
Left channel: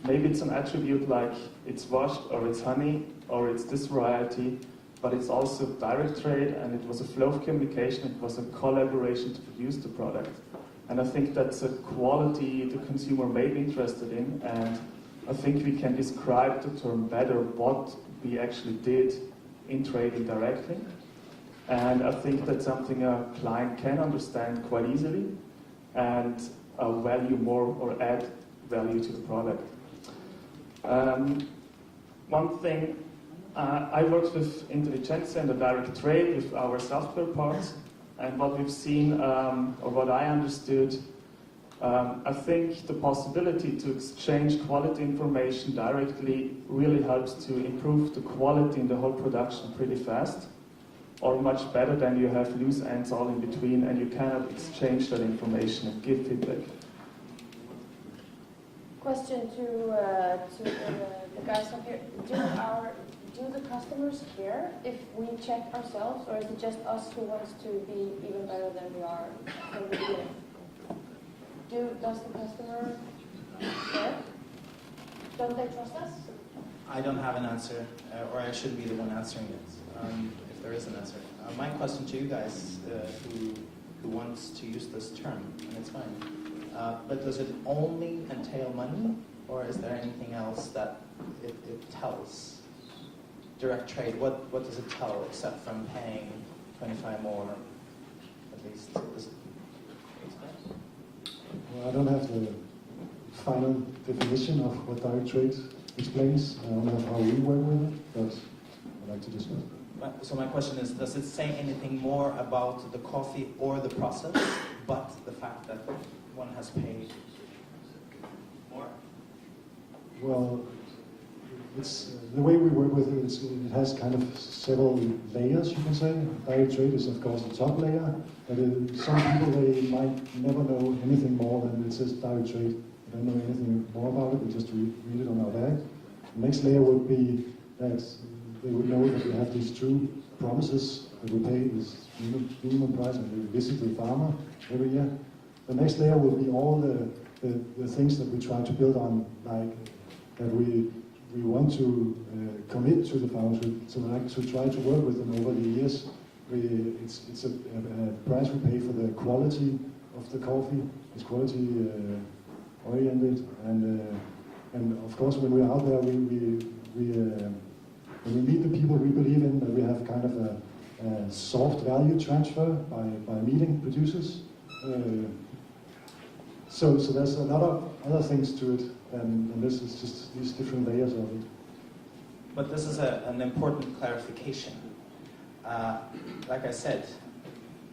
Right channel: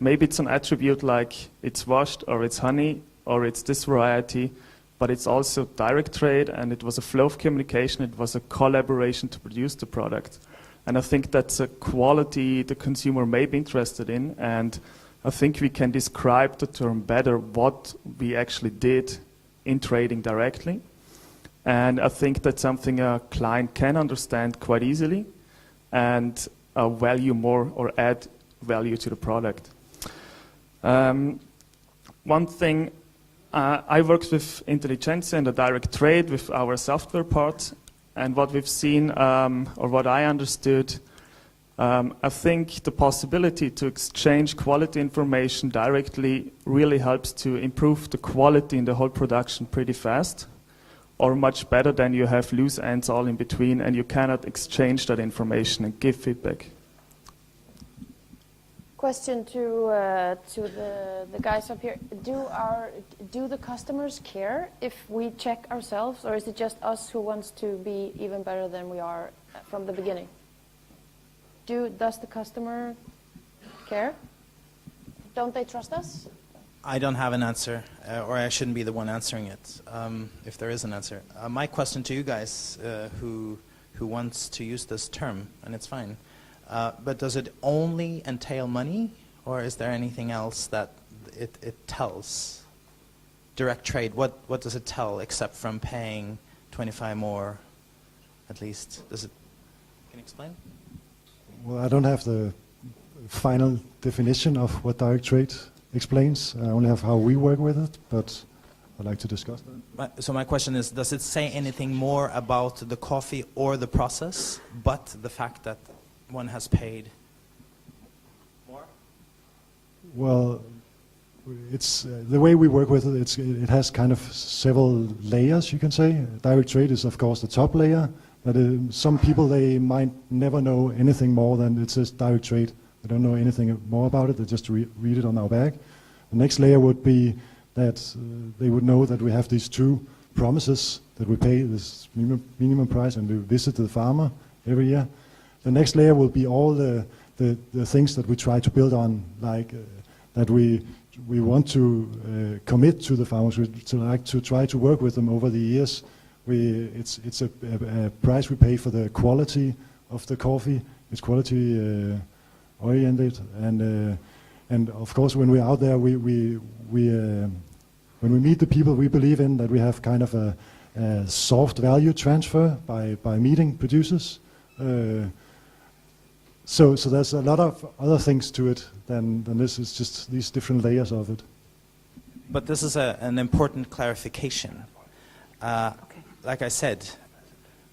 Maybe it's an attribute like it's washed, or it's honey, or it's this variety, but it's also direct trade, and it was a flow of communication, it was a collaboration to produce the product. And I think that's a quality the consumer may be interested in, and I think we can describe the term better what we actually did in trading directly. And I think that's something a client can understand quite easily and value more or add value to the product. One thing, I worked with Intelligenza in the direct trade with our software part, and what we've seen, or what I understood, I think the possibility to exchange quality information directly really helps to improve the quality in the whole production pretty fast, or much better than you have loose ends all in between and you cannot exchange that information and give feedback. Question to the guys up here. Do the customers care if we check ourselves, or is it just us who wants to be even better than we are from the beginning? Does the customer care? Don't they trust us? I don't have an answer, or I shouldn't be the one answering it, if there is an answer. My question to you guys, who wants to use this term, and it's fine, but does it only entail money, or is there anything else that it tells? Direct trade, what does it tell, except from paying 25 more, at least? Can you explain? Well, I don't have the final definition of what direct trade explains. I only have how we work with it, but I'd like to discuss that. So my question is, does it say anything more about the coffee or the process, but the fact that one has paid more? Well, it's the way we work with it. It has kind of several layers, you can say. Direct trade is, of course, the top layer. But some people, they might never know anything more than it says direct trade. They don't know anything more about it. They just read it on our bag. The next layer would be that they would know that we have these two promises, that we pay this minimum price and we visit the farmer every year. The next layer will be all the things that we try to build on, like that we want to commit to the farmers, to try to work with them over the years. It's a price we pay for the quality of the coffee. It's quality oriented, and of course when we're out there, when we meet the people we believe in, that we have kind of a soft value transfer by meeting producers. So there's a lot of other things to it than this. Is just these different layers of it. But this is an important clarification. Like I said,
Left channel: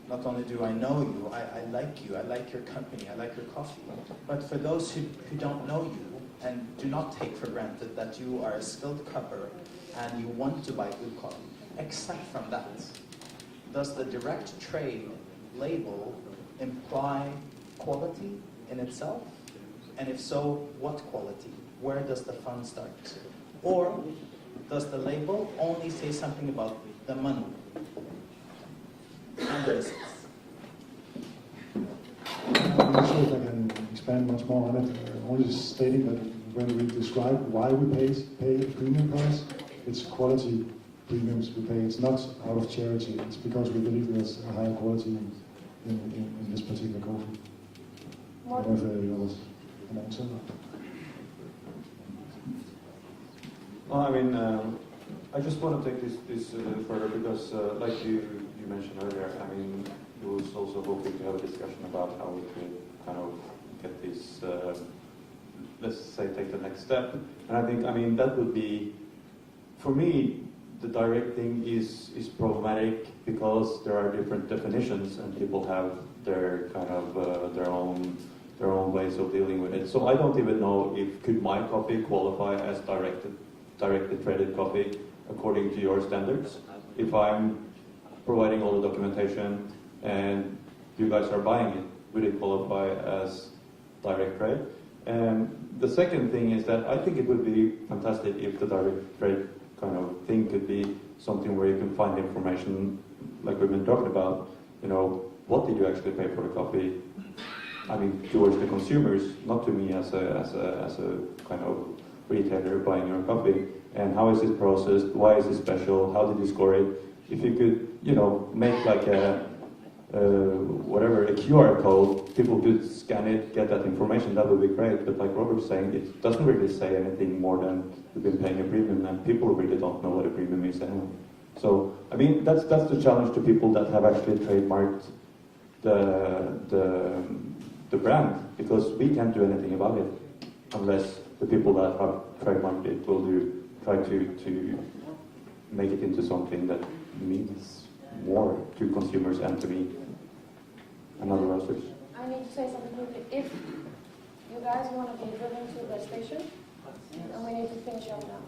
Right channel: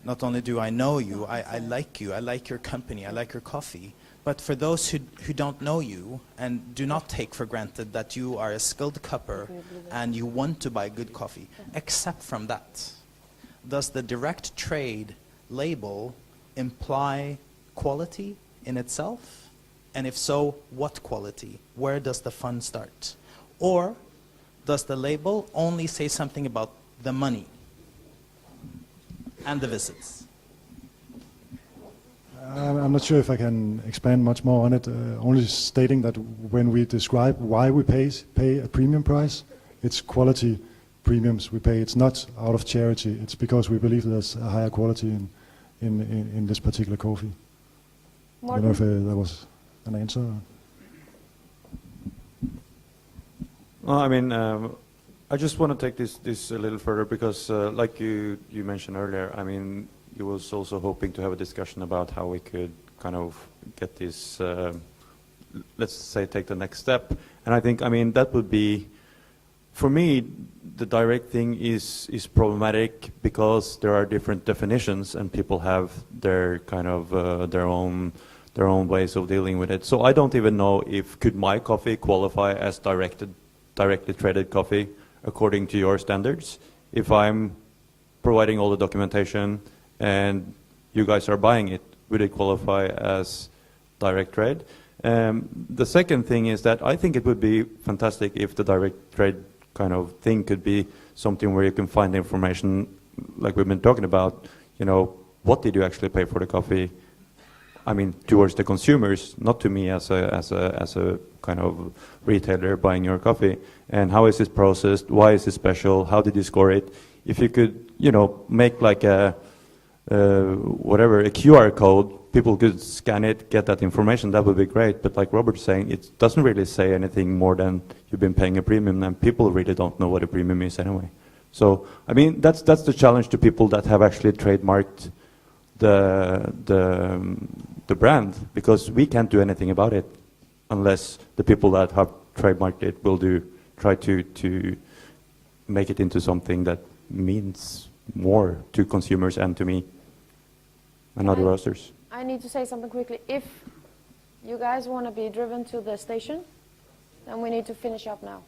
not only do I know you, I like you, I like your company, I like your coffee. But for those who don't know you and do not take for granted that you are a skilled cupper and you want to buy good coffee, except from that, does the direct trade label imply quality in itself? And if so, what quality? Where does the fun start? Or does the label only say something about the money and the visits? I'm not sure if I can expand much more on it, only stating that when we describe why we pay a premium price, it's quality premiums we pay. It's not out of charity, it's because we believe there's a higher quality in this particular coffee. I don't Morten? know if there was an answer. Well, I mean, I just want to take this a little further because, like you mentioned earlier, I mean, you was also hoping to have a discussion about how we could kind of get this, let's say, take the next step. And I think, I mean, that would be, for me, the direct thing is problematic because there are different definitions and people have their kind of their own ways of dealing with it. So I don't even know if could my coffee qualify as directly traded coffee according to your standards. If I'm providing all the documentation and you guys are buying it, would it qualify as direct trade? The second thing is that I think it would be fantastic if the direct trade kind of thing could be something where you can find information like we've been talking about, you know, what did you actually pay for the coffee? I mean, towards the consumers, not to me as a kind of retailer buying your coffee. And how is it processed? Why is it special? How did you score it? If you could, you know, make like a QR code, people could scan it, get that information, that would be great. But like Robert's saying, it doesn't really say anything more than you've been paying a premium, and people really don't know what a premium is anyway. So, I mean, that's the challenge to people that have actually trademarked the brand, because we can't do anything about it unless the people that have trademarked it will try to make it into something that means more to consumers and to me and other roasters. I need to say something quickly. If you guys want to be driven to the station, then we need to finish up now.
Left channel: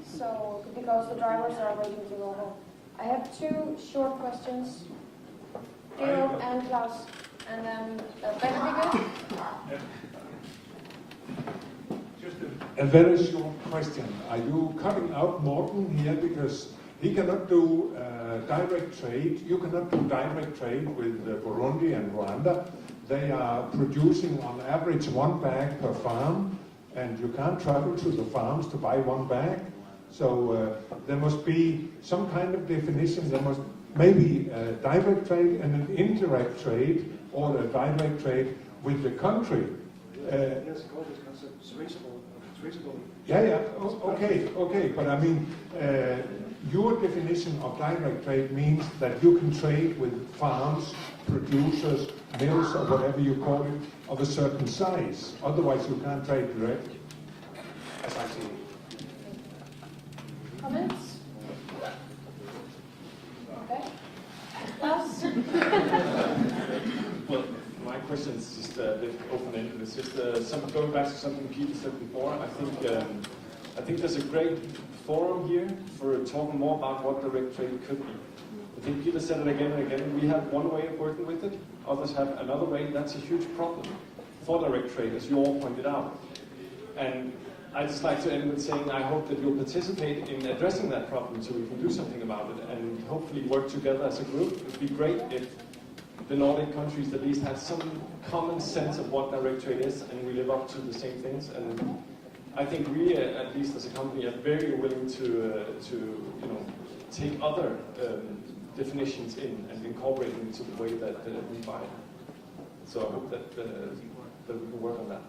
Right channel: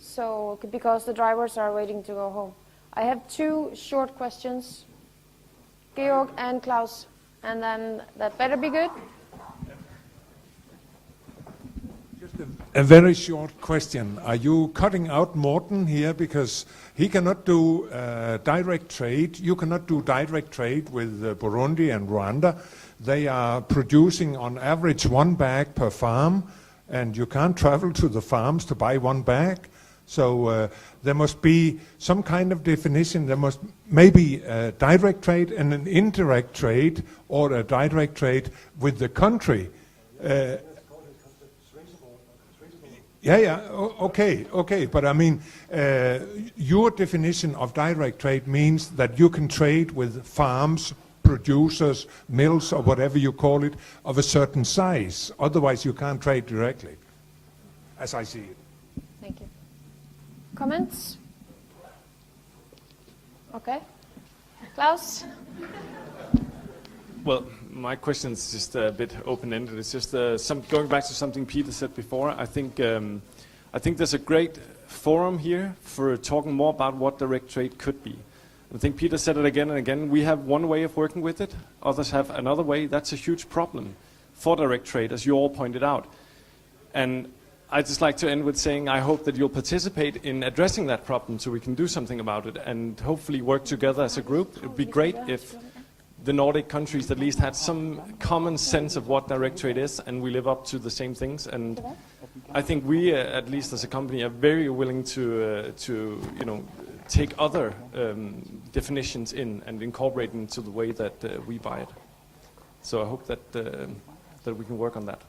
So, because the drivers are waiting to go home. I have two short questions, Georg and Klaus, and then that better be good. A very short question. Are you cutting out Morten here because he cannot do direct trade? You cannot do direct trade with Burundi and Rwanda. They are producing on average 1 bag per farm, and you can't travel to the farms to buy 1 bag. So there must be some kind of definition. There must maybe a direct trade and an indirect trade, or a direct trade with the country. Okay, but I mean, your definition of direct trade means that you can trade with farms, producers, mills, or whatever you call it, of a certain size. Otherwise, you can't trade directly, as I see it. Thank you. Comments? Okay. Klaus? Well, my question is just a bit open-ended. It's just going back to something Peter said before. I think there's a great forum here for talking more about what direct trade could be. I think Peter said it again and again. We have one way of working with it. Others have another way. That's a huge problem for direct trade, as you all pointed out. And I'd just like to end with saying I hope that you'll participate in addressing that problem so we can do something about it and hopefully work together as a group. It would be great if the Nordic countries at least had some common sense of what direct trade is, and we live up to the same things. And I think we, at least as a company, are very willing to take other definitions in and incorporate them into the way that we buy it. So I hope that we can work on that.